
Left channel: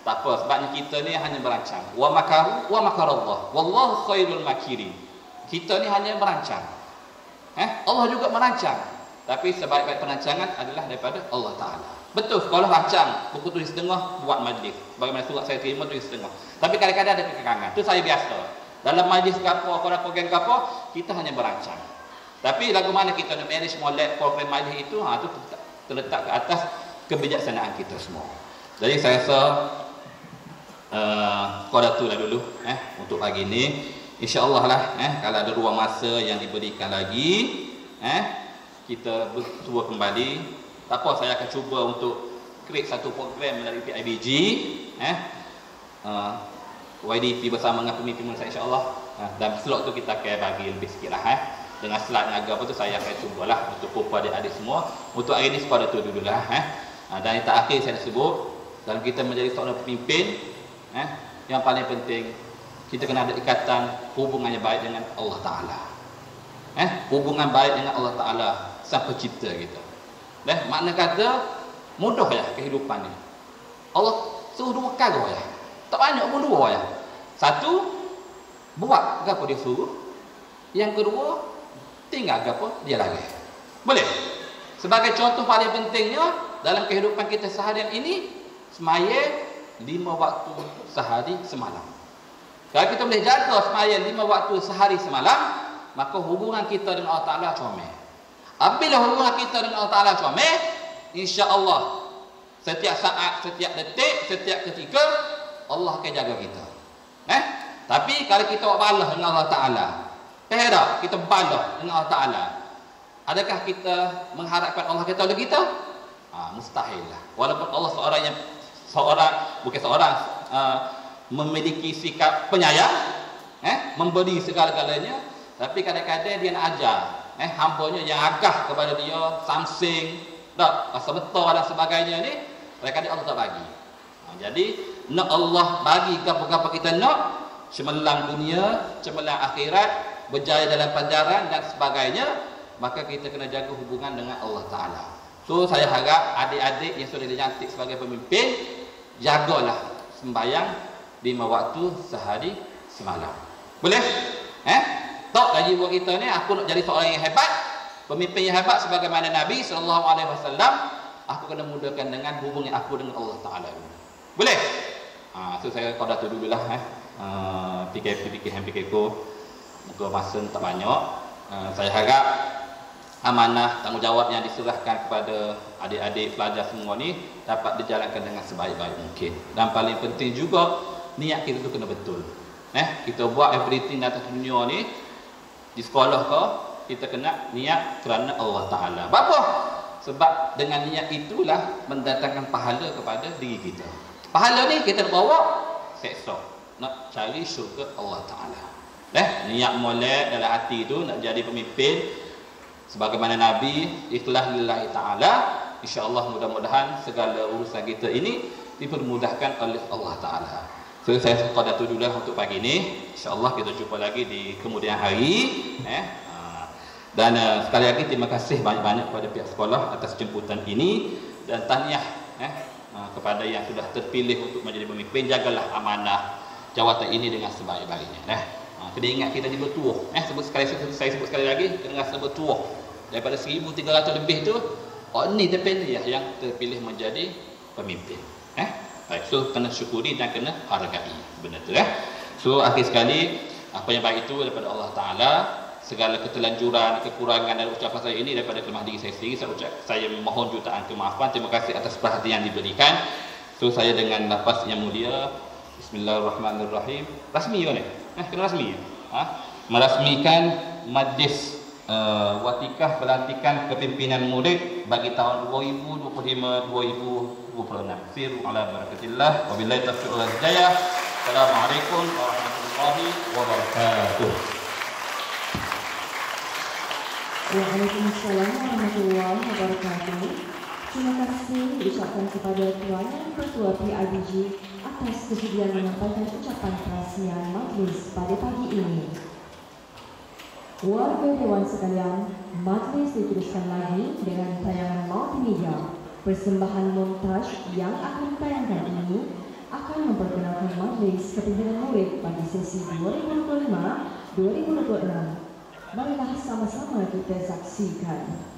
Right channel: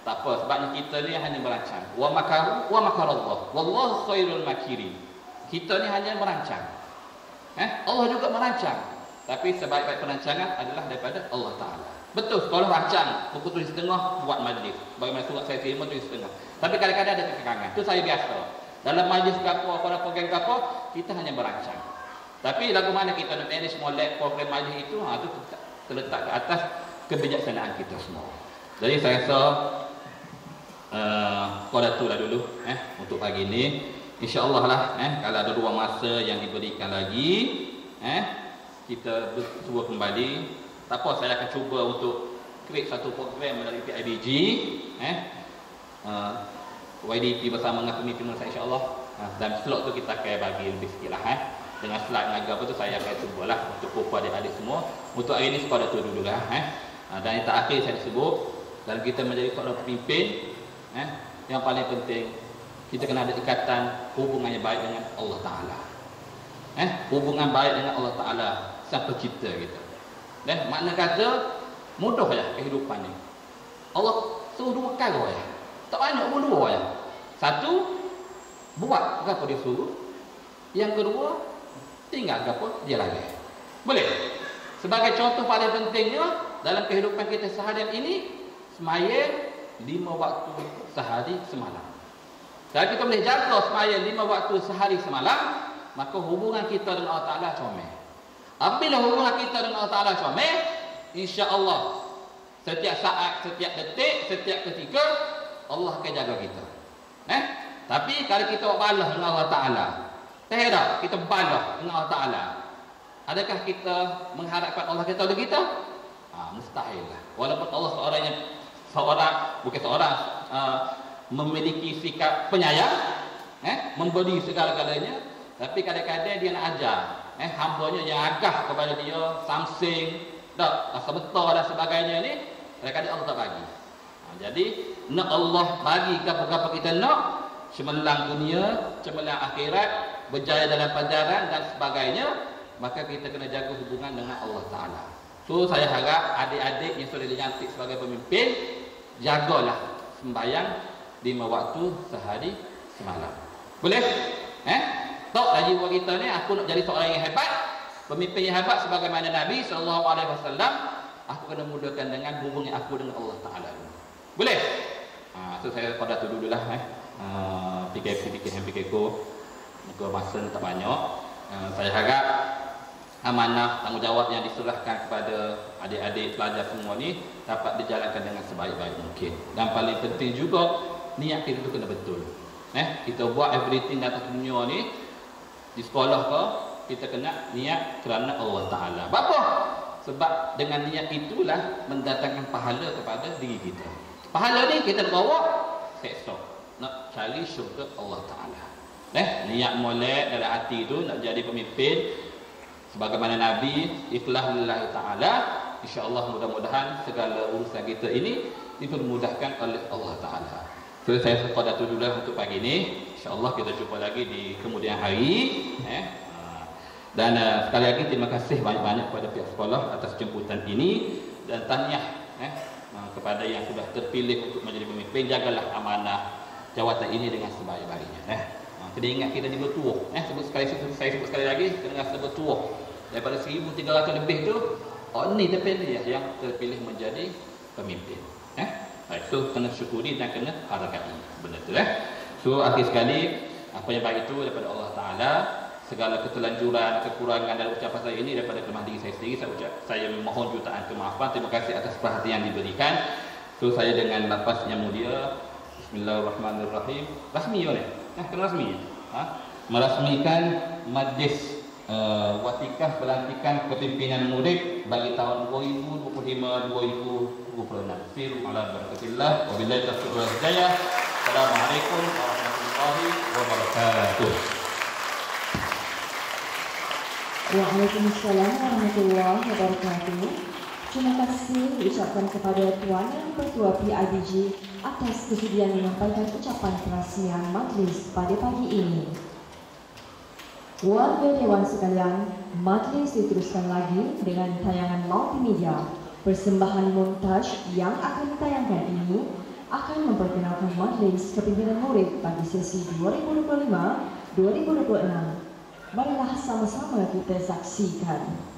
tak apa, sebabnya kita ni hanya merancang. Wa makaru wa makarallah, wallahu khairul makirin. Kita ni hanya merancang. Allah juga merancang. Tapi sebaik-baik perancangan adalah daripada Allah Ta'ala. Betul, sekolah rancang, buku tulis setengah, buat majlis. Bagaimana surat saya terima tulis setengah. Tapi kadang-kadang ada kekangan. Itu saya biasa. Dalam majlis ke apa, korang program ke apa, kita hanya merancang. Tapi lagu mana kita nak manage molek program majlis itu, itu terletak ke atas kebijaksanaan kita semua. Jadi saya rasa korang tu lah dulu untuk pagi ni. InsyaAllah lah kalau ada ruang masa yang diberikan lagi, kita bersuara kembali. Tak apa, saya akan cuba untuk create satu program melalui PIBG, YDP bersama dengan pemimpin saya insyaAllah. Dan slot tu kita akan bagi lebih sikit lah. Dengan slot naga apa tu saya akan cubalah untuk pupa adik-adik semua. Untuk hari ni sepada tu dululah. Dan yang terakhir saya sebut, dalam kita menjadi seorang pemimpin, yang paling penting kita kena ada ikatan hubungan yang baik dengan Allah Ta'ala. Hubungan baik dengan Allah Ta'ala, Sang Pencipta kita. Makna kata mudah ya kehidupan ni. Allah suruh dua kali ya. Tak banyak pun dua ya. Satu, buat apa dia suruh. Yang kedua, tinggal apa dia lagi. Boleh? Sebagai contoh paling pentingnya dalam kehidupan kita seharian ini, semaya 5 waktu sehari semalam. Kalau kita boleh jaga semaya 5 waktu sehari semalam, maka hubungan kita dengan Allah Ta'ala comel. Apabila hubungan kita dengan Allah Ta'ala comel, insya-Allah setiap saat, setiap detik, setiap ketika Allah akan jaga kita. Tapi kalau kita balas dengan Allah Ta'ala, tak kita balas dengan Allah Ta'ala, adakah kita mengharapkan Allah kata oleh kita? Mustahil lah. Walaupun Allah memiliki sikap penyayang, memberi segala-galanya, tapi kadang-kadang dia nak ajar hambanya yang agah kepada dia, samsing, rasa betul dan sebagainya ni, kadang-kadang Allah tak bagi. Jadi nak Allah bagi apa-apa kita nak, cemerlang dunia, cemerlang akhirat, berjaya dalam pelajaran dan sebagainya, maka kita kena jaga hubungan dengan Allah Ta'ala. So saya harap adik-adik yang sudah dilantik sebagai pemimpin, jagalah sembahyang 5 waktu sehari semalam. Boleh? Tak lagi buat kita ni, aku nak jadi seorang yang hebat, pemimpin yang hebat sebagaimana Nabi SAW. Aku kena mudahkan dengan hubungan aku dengan Allah Ta'ala. Boleh? So saya pada tu dululah fikir-fikir untuk masa tak banyak. Saya harap amanah tanggungjawab yang diserahkan kepada adik-adik pelajar semua ni dapat dijalankan dengan sebaik-baik mungkin. Dan paling penting juga niat kita tu kena betul. Kita buat everything atas dunia ni, di sekolah ke, kita kena niat kerana Allah Ta'ala. Apa? Sebab dengan niat itulah mendatangkan pahala kepada diri kita. Pahala ni kita nak bawa seksa, nak cari syurga Allah Ta'ala. Niat molek dalam hati tu nak jadi pemimpin sebagaimana Nabi, ikhlas lillahi ta'ala. InsyaAllah mudah-mudahan segala urusan kita ini dipermudahkan oleh Allah Ta'ala. So saya sekadar tu dulu untuk pagi ni. InsyaAllah kita jumpa lagi di kemudian hari. Dan sekali lagi terima kasih banyak-banyak kepada pihak sekolah atas jemputan ini. Dan tahniah kepada yang sudah terpilih untuk menjadi pemimpin. Jagalah amanah jawatan ini dengan sebaik-baiknya. Kena ingat kita ni bertuah. Saya sebut sekali lagi, kena rasa bertuah. Daripada 1,300 lebih tu, ni terpilih yang terpilih menjadi pemimpin. Baik, so kena syukuri dan kena hargai benda tu. So akhir sekali, apa yang baik itu daripada Allah Ta'ala. Segala ketelanjuran, kekurangan dan ucapan saya ini daripada kelemahan diri saya sendiri. Saya memohon jutaan kemaafan. Terima kasih atas perhatian yang diberikan. So saya dengan lafaz yang mulia, Bismillahirrahmanirrahim. Rasmi ke ni? Kena rasmi. Merasmikan majlis watikah pelantikan kepimpinan murid bagi tahun 2025-2026. Siru ala barakatillah. Wabillahi taufiq wal hidayah. Assalamualaikum warahmatullahi wabarakatuh. Waalaikumsalam warahmatullahi wabarakatuh. Terima kasih diucapkan kepada Tuan Yang Ketua PIBG atas kesediaan menyampaikan ucapan perasmian majlis pada pagi ini. Warga Dewan sekalian, majlis diteruskan lagi dengan tayangan multimedia. Persembahan montaj yang akan ditayangkan ini akan memperkenalkan majlis kepimpinan murid bagi sesi 2025-2026. Marilah sama-sama kita saksikan.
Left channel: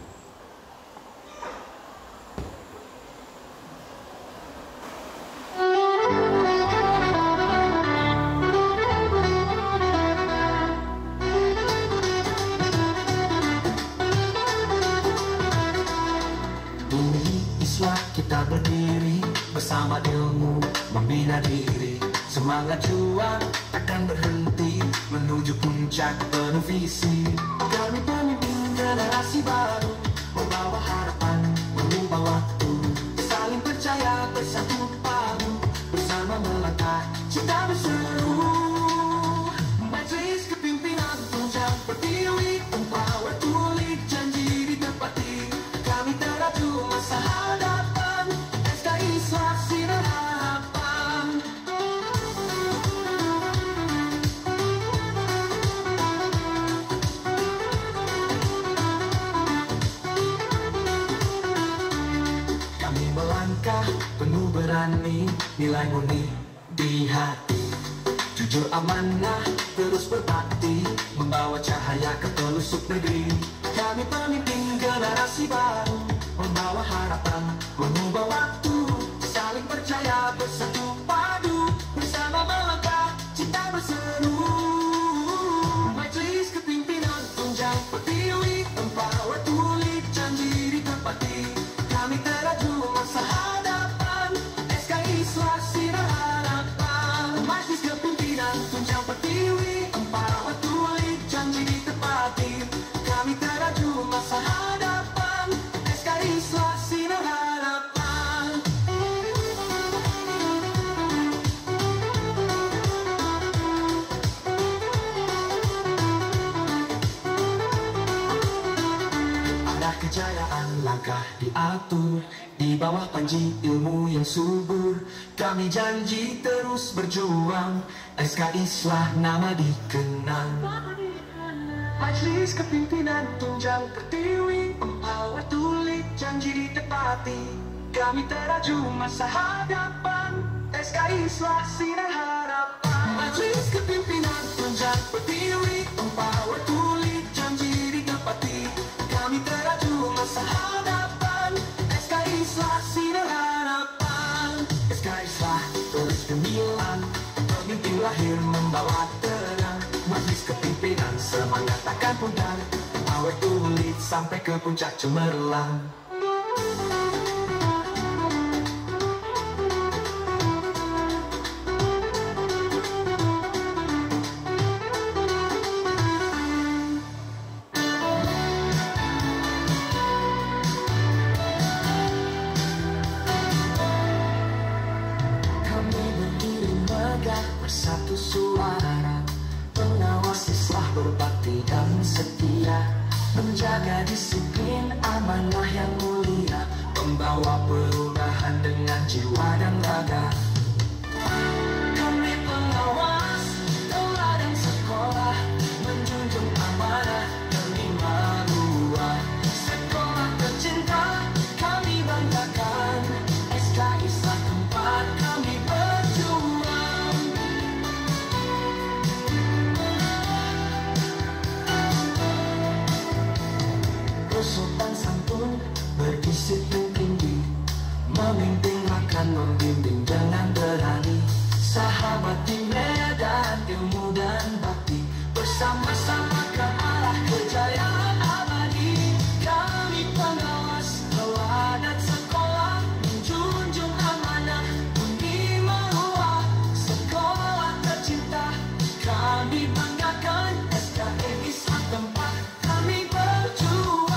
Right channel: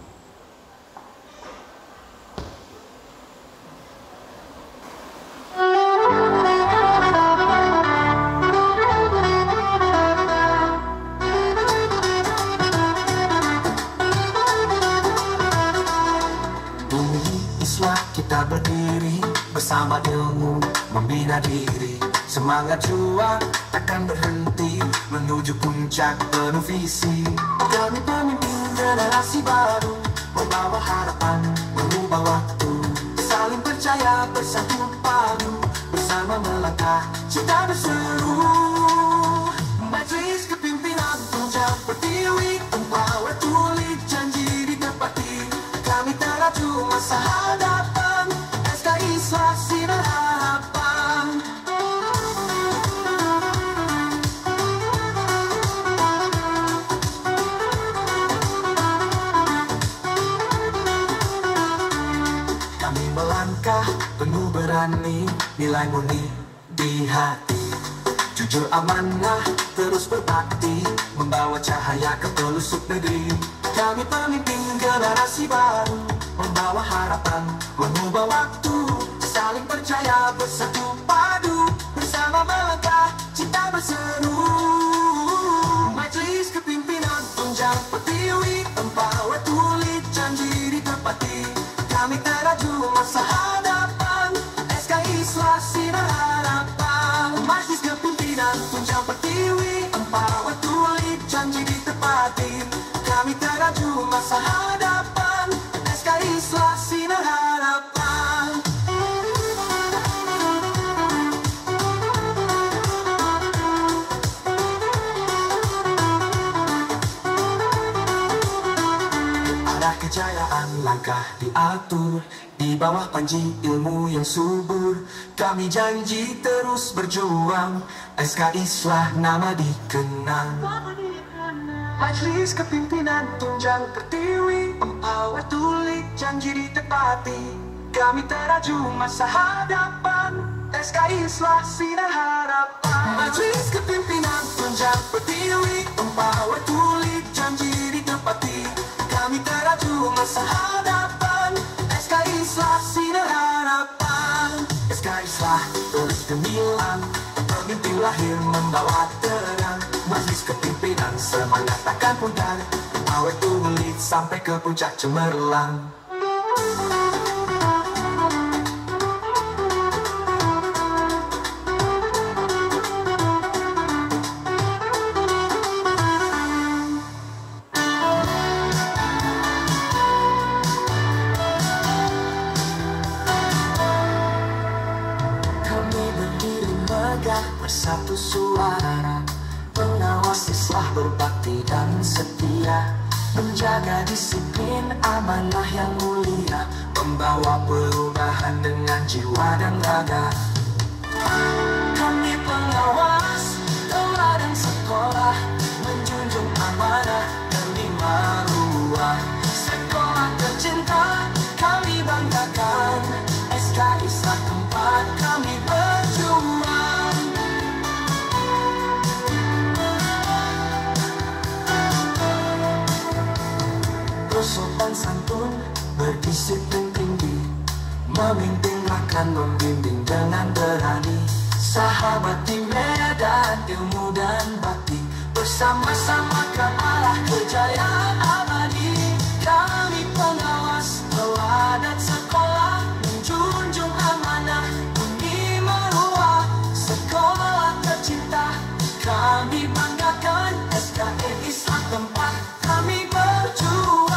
Kita berdiri bersama ilmu membina diri. Semangat juang takkan berhenti menuju puncak penuh visi. Kami pemimpin generasi baru, membawa harapan, mengubah waktu. Saling percaya, bersatu padu, bersama melangkah cinta berseru. Majlis kepimpinan tunjang pertiwi, empower tulis janji ditepati. Kami teraju masa hadapan, SKI Swasti dan harapan. Kami melangkah penuh berani, nilai murni di hati. Jujur amanah terus berbakti, membawa cahaya ke pelosok negeri. Kami pemimpin generasi baru, membawa harapan, mengubah waktu. Saling percaya, bersatu padu, bersama melangkah cinta berseru. Majlis kepimpinan tunjang pertiwi, empower tulis janji ditepati. Kami teraju masa hadapan, SKI Swasti dan harapan. Majlis kepimpinan tunjang pertiwi, empower tulis janji ditepati. Kami teraju masa hadapan, SKI Swasti dan harapan. Arah kejayaan langkah diatur, di bawah panji ilmu yang subur. Kami janji terus berjuang, SKI Islah nama dikenang. Majlis kepimpinan tunjang pertiwi, empower tulis janji ditepati. Kami teraju masa hadapan, SKI Swasti dan harapan. Majlis kepimpinan tunjang pertiwi, empower tulis janji ditepati. Kami teraju masa hadapan, SKI Swasti dan harapan. SKI Islah terus gemilang, pemimpin lahir membawa terang. Majlis kepimpinan semangat takkan pudar, awet tulis sampai ke puncak cemerlang. bersatu suara. Pengawas Islah berbakti dan setia, menjaga disiplin amanah yang mulia, membawa perubahan dengan jiwa dan raga. Kami pengawas teladan sekolah, menjunjung amanah dan lima ruah. Sekolah tercinta kami banggakan, SK Islah tempat kami berjuang. Bersopan santun, berdisiplin tinggi, memimpin akan membimbing dengan berani. Sahabat di medan ilmu dan bakti, bersama-sama ke arah kejayaan abadi. Kami pengawas teladan sekolah, menjunjung amanah bumi maruah. Sekolah tercinta kami banggakan, SKE Islah tempat kami berjuang.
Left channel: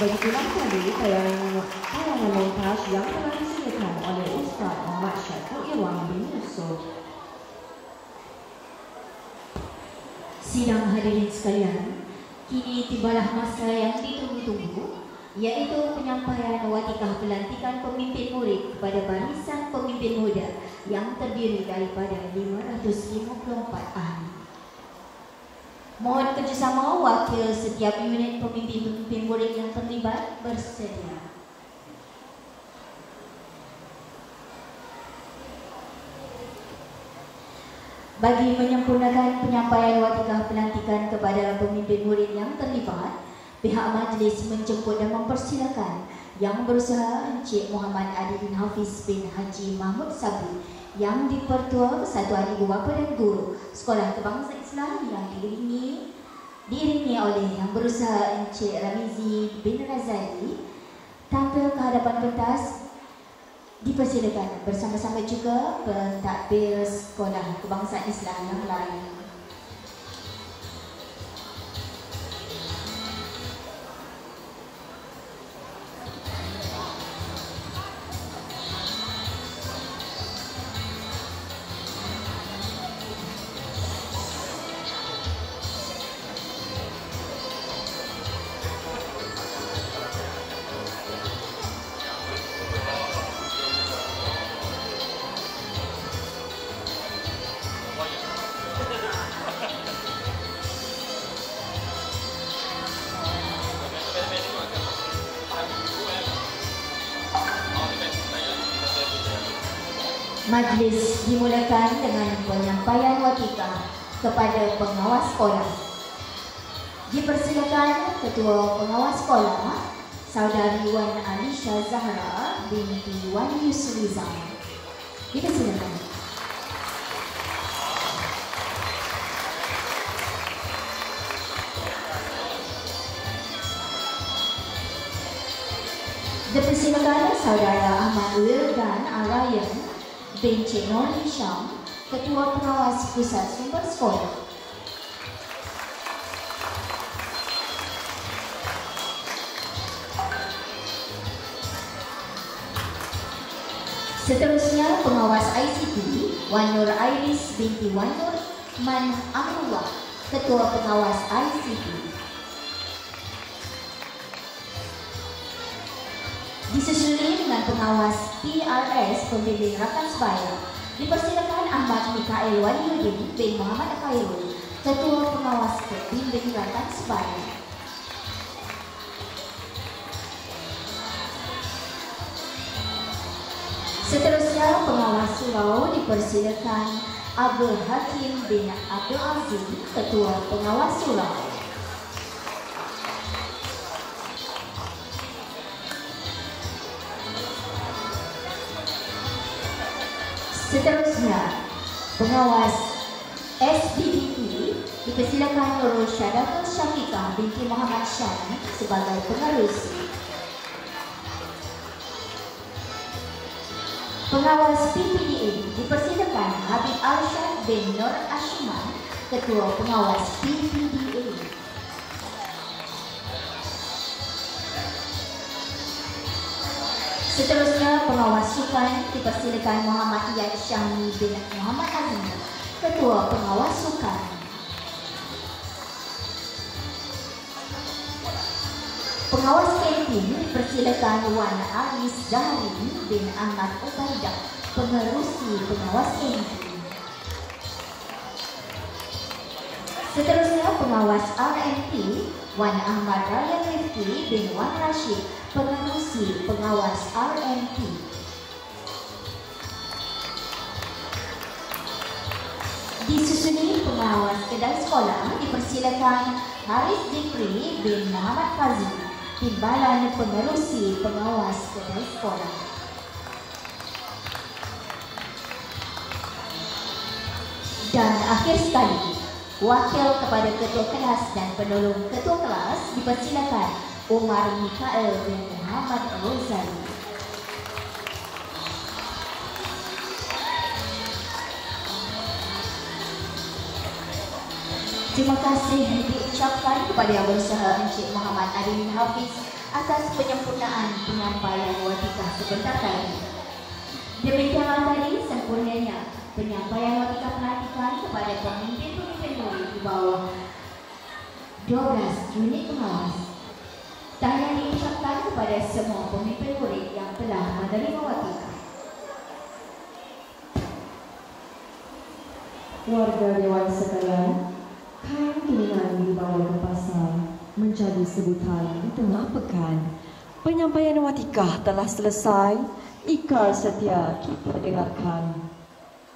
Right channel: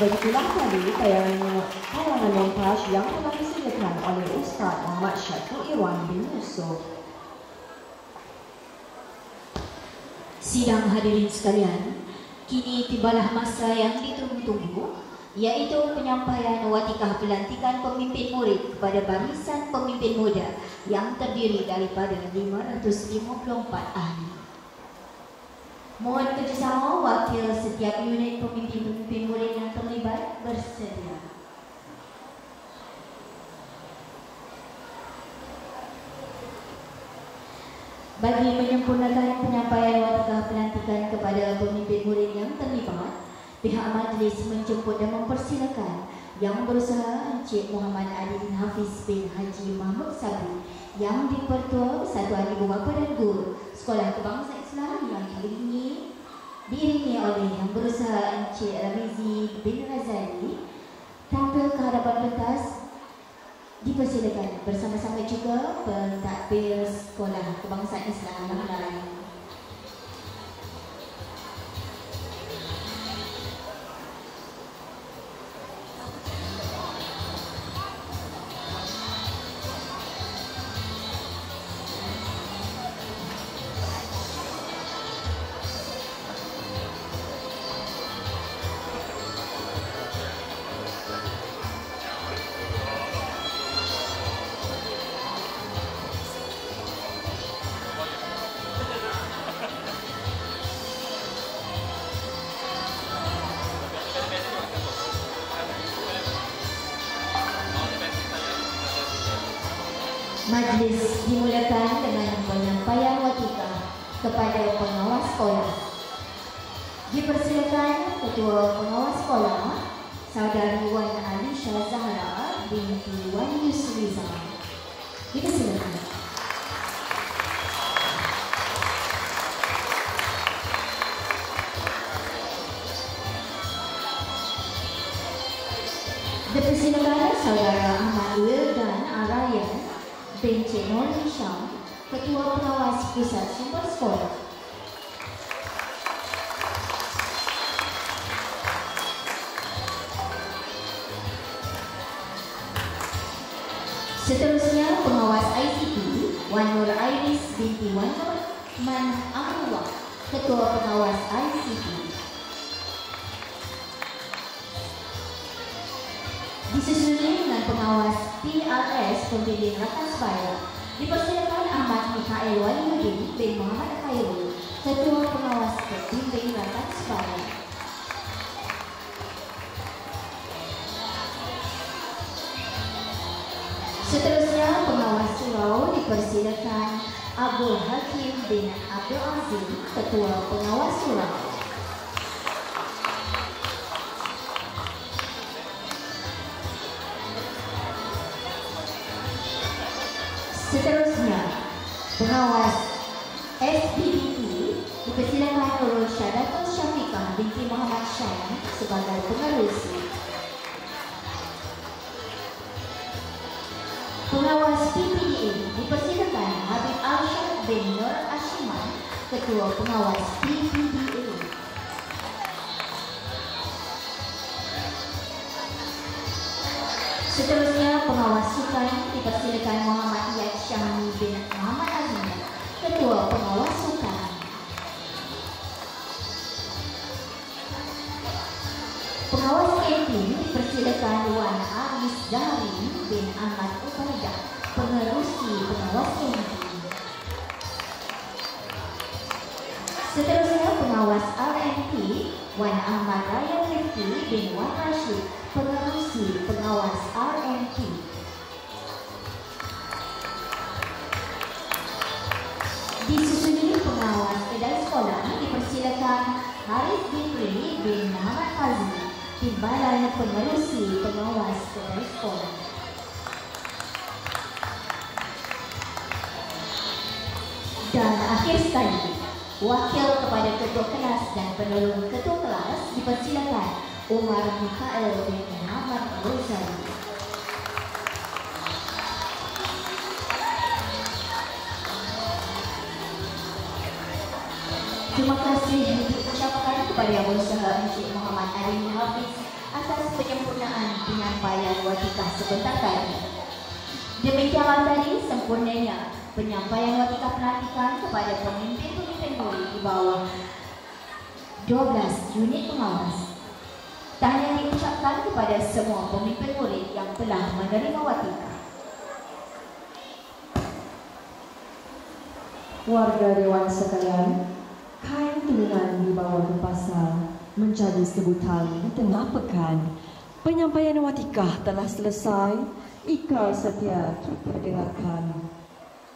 Begitulah tadi tayangan montaj yang telah disediakan oleh Ustaz Muhammad Syafiq Iwan bin Yusuf. Sidang hadirin sekalian, kini tibalah masa yang ditunggu-tunggu, iaitu penyampaian watikah pelantikan pemimpin murid kepada barisan pemimpin muda yang terdiri daripada 554 ahli. Mohon kerjasama wakil setiap unit pemimpin murid yang terlibat bersedia. Bagi menyempurnakan penyampaian watikah pelantikan kepada pemimpin murid yang terlibat, pihak majlis menjemput dan mempersilakan Yang Berusaha Encik Muhammad Ali bin Hafiz bin Haji Mahmud Sabri, Yang Dipertua Satu Ahli Bapa dan Guru Sekolah Kebangsaan Islam yang diiringi oleh Yang Berusaha Encik Ramizi bin Razali, tampil ke hadapan pentas. Dipersilakan bersama-sama juga pentadbir Sekolah Kebangsaan Islam yang lain. Majlis dimulakan dengan penyampaian watikah kepada pengawas sekolah. Dipersilakan Ketua Pengawas Sekolah, Saudari Wan Alisha Zahra binti Wan Yusriza. Dipersilakan. Dipersilakan Saudara Ahmad Wildan Arayan binti Nur Hisham, Ketua Pengawas Pusat Sumber Sekolah. Seterusnya Pengawas ICT Wan Nur Iris binti Wan Nur Man Amrullah, Ketua Pengawas ICT. Disusuli dengan Pengawas PRS Pembimbing Rakan Sebaya. Dipersilakan Ahmad Mikael Waliuddin bin Muhammad Khairul, Ketua Pengawas Pembimbing Rakan Sebaya. Seterusnya Pengawas Surau dipersilakan Abdul Hakim bin Abdul Aziz, Ketua Pengawas Surau. Seterusnya, Pengawas SBDE dipersilakan Nurul Syadatul Syafiqah binti Muhammad Syah sebagai pengerusi. Pengawas PPDA dipersilakan Habib Arsyad bin Nur Ashman, Ketua Pengawas PPDA. Seterusnya, pengawas sukan dipersilakan Muhammad Iyad Syamli bin Muhammad Azim, Ketua Pengawas Sukan. Pengawas kantin dipersilakan Wan Aris Zahri bin Ahmad Utaidah, Pengerusi Pengawas kantin. Seterusnya, pengawas RMP Wan Ahmad Ryan Rifki bin Wan Rashid, Pengerusi Pengawas RMP. Disusuli pengawas kedai sekolah dipersilakan Haris Zikri bin Muhammad Fazli, Timbalan Pengerusi Pengawas kedai sekolah. Dan akhir sekali, wakil kepada ketua kelas dan penolong ketua kelas dipersilakan Umar Mikhael bin Muhammad Ghazali. Terima kasih diucapkan kepada Yang Berusaha Encik Muhammad Adil Hafiz atas penyempurnaan penyampaian watikah sebentar tadi. Demikianlah tadi sempurnanya penyampaian watikah pelantikan kepada pemimpin-pemimpin murid di bawah 12 unit pengawas. Tahniah diucapkan kepada semua pemimpin murid yang telah menerima watikah. Warga Dewan sekalian, kain tunai di bawah pasar menjadi sebutan di tengah pekan. Penyampaian watikah telah selesai. Ikrar setia kita dengarkan.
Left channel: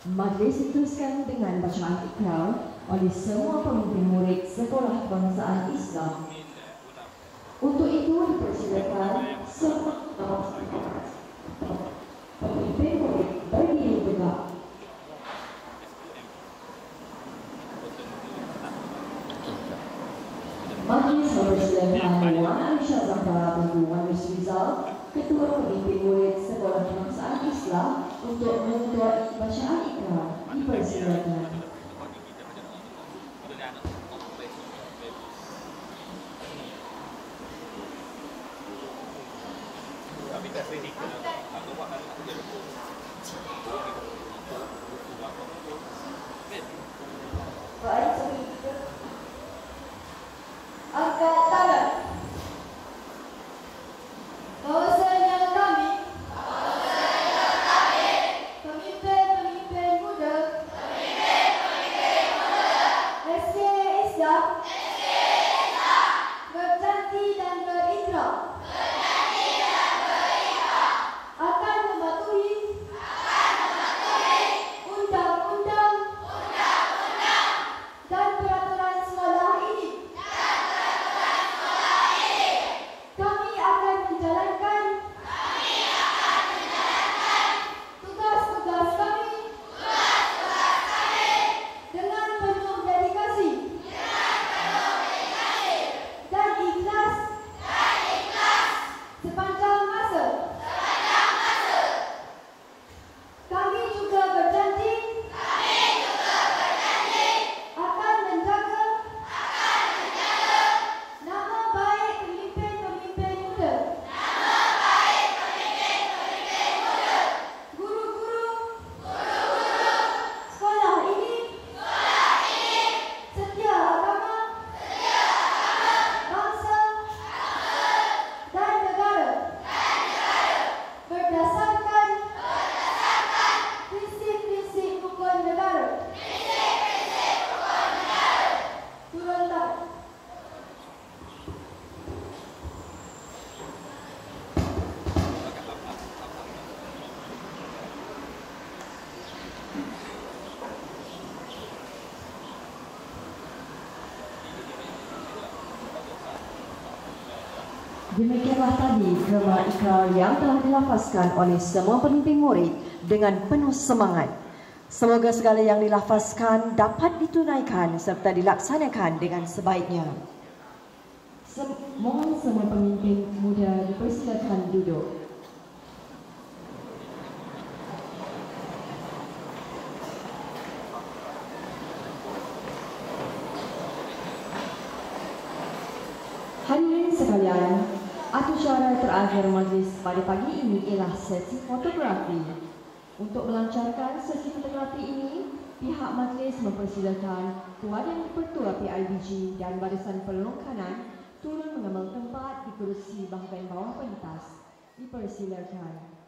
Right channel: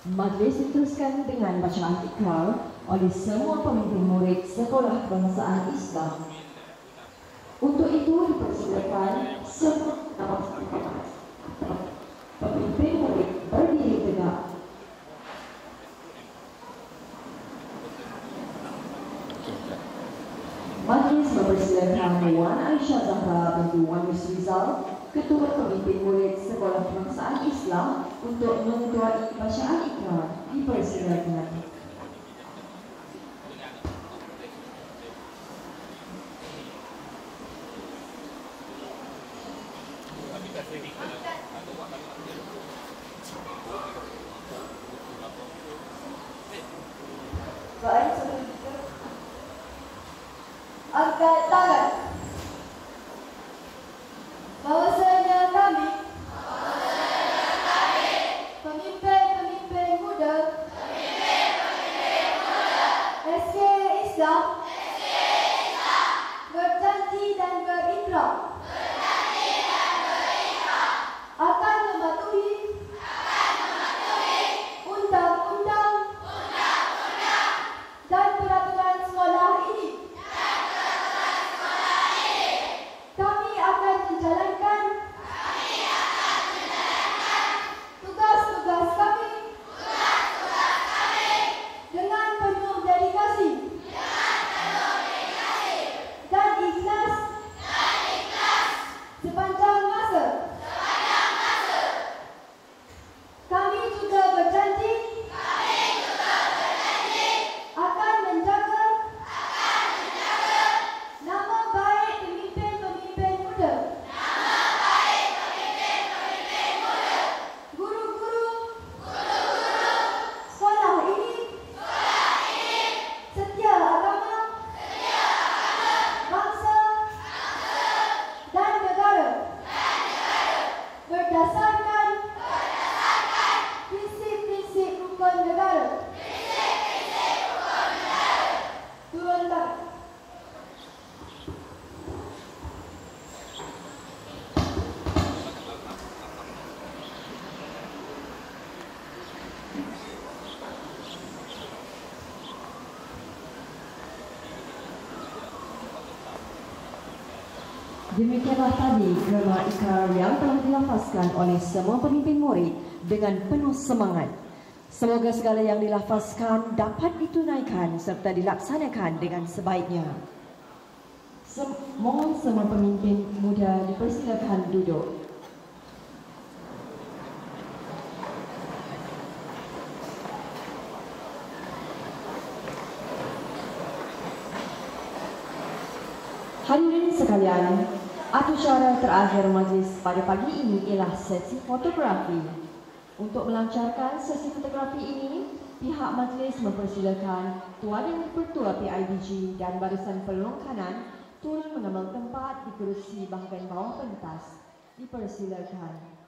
Majlis diteruskan dengan bacaan ikrar oleh semua pemimpin murid Sekolah Kebangsaan Islam. Untuk itu dipersilakan semua pemimpin murid berdiri tegak. Majlis mempersilakan Wan Aisyah Zahra binti Wan Yusuf Rizal, Ketua Pemimpin Murid Sekolah Kebangsaan Islam, untuk mengetuai bacaan ikrar. Dipersilakan. Angkat tangan. Bahwasanya kami pemimpin-pemimpin muda SK Islam berjanji dan berikrar akan mematuhi undang-undang dan peraturan sekolah ini. Kami akan menjalankan tugas-tugas kami dengan penuh dedikasi dan ikhlas sepanjang masa. Kami juga berjanji akan menjaga nama baik pemimpin-pemimpin muda, guru-guru sekolah ini, setia agama, bangsa dan negara, berdasarkan prinsip-prinsip rukun negara. Turun tangan. Demikianlah tadi gelar ikrar yang telah dilafazkan oleh semua pemimpin murid dengan penuh semangat. Semoga segala yang dilafazkan dapat ditunaikan serta dilaksanakan dengan sebaiknya. Mohon semua pemimpin muda dipersilakan duduk. Hadirin sekalian, Acara terakhir majlis pada pagi ini ialah sesi fotografi. Untuk melancarkan sesi fotografi ini, pihak majlis mempersilakan Tuan Yang Dipertua PIBG dan barisan penolong kanan turun mengambil tempat di kerusi bahagian bawah pentas. Dipersilakan.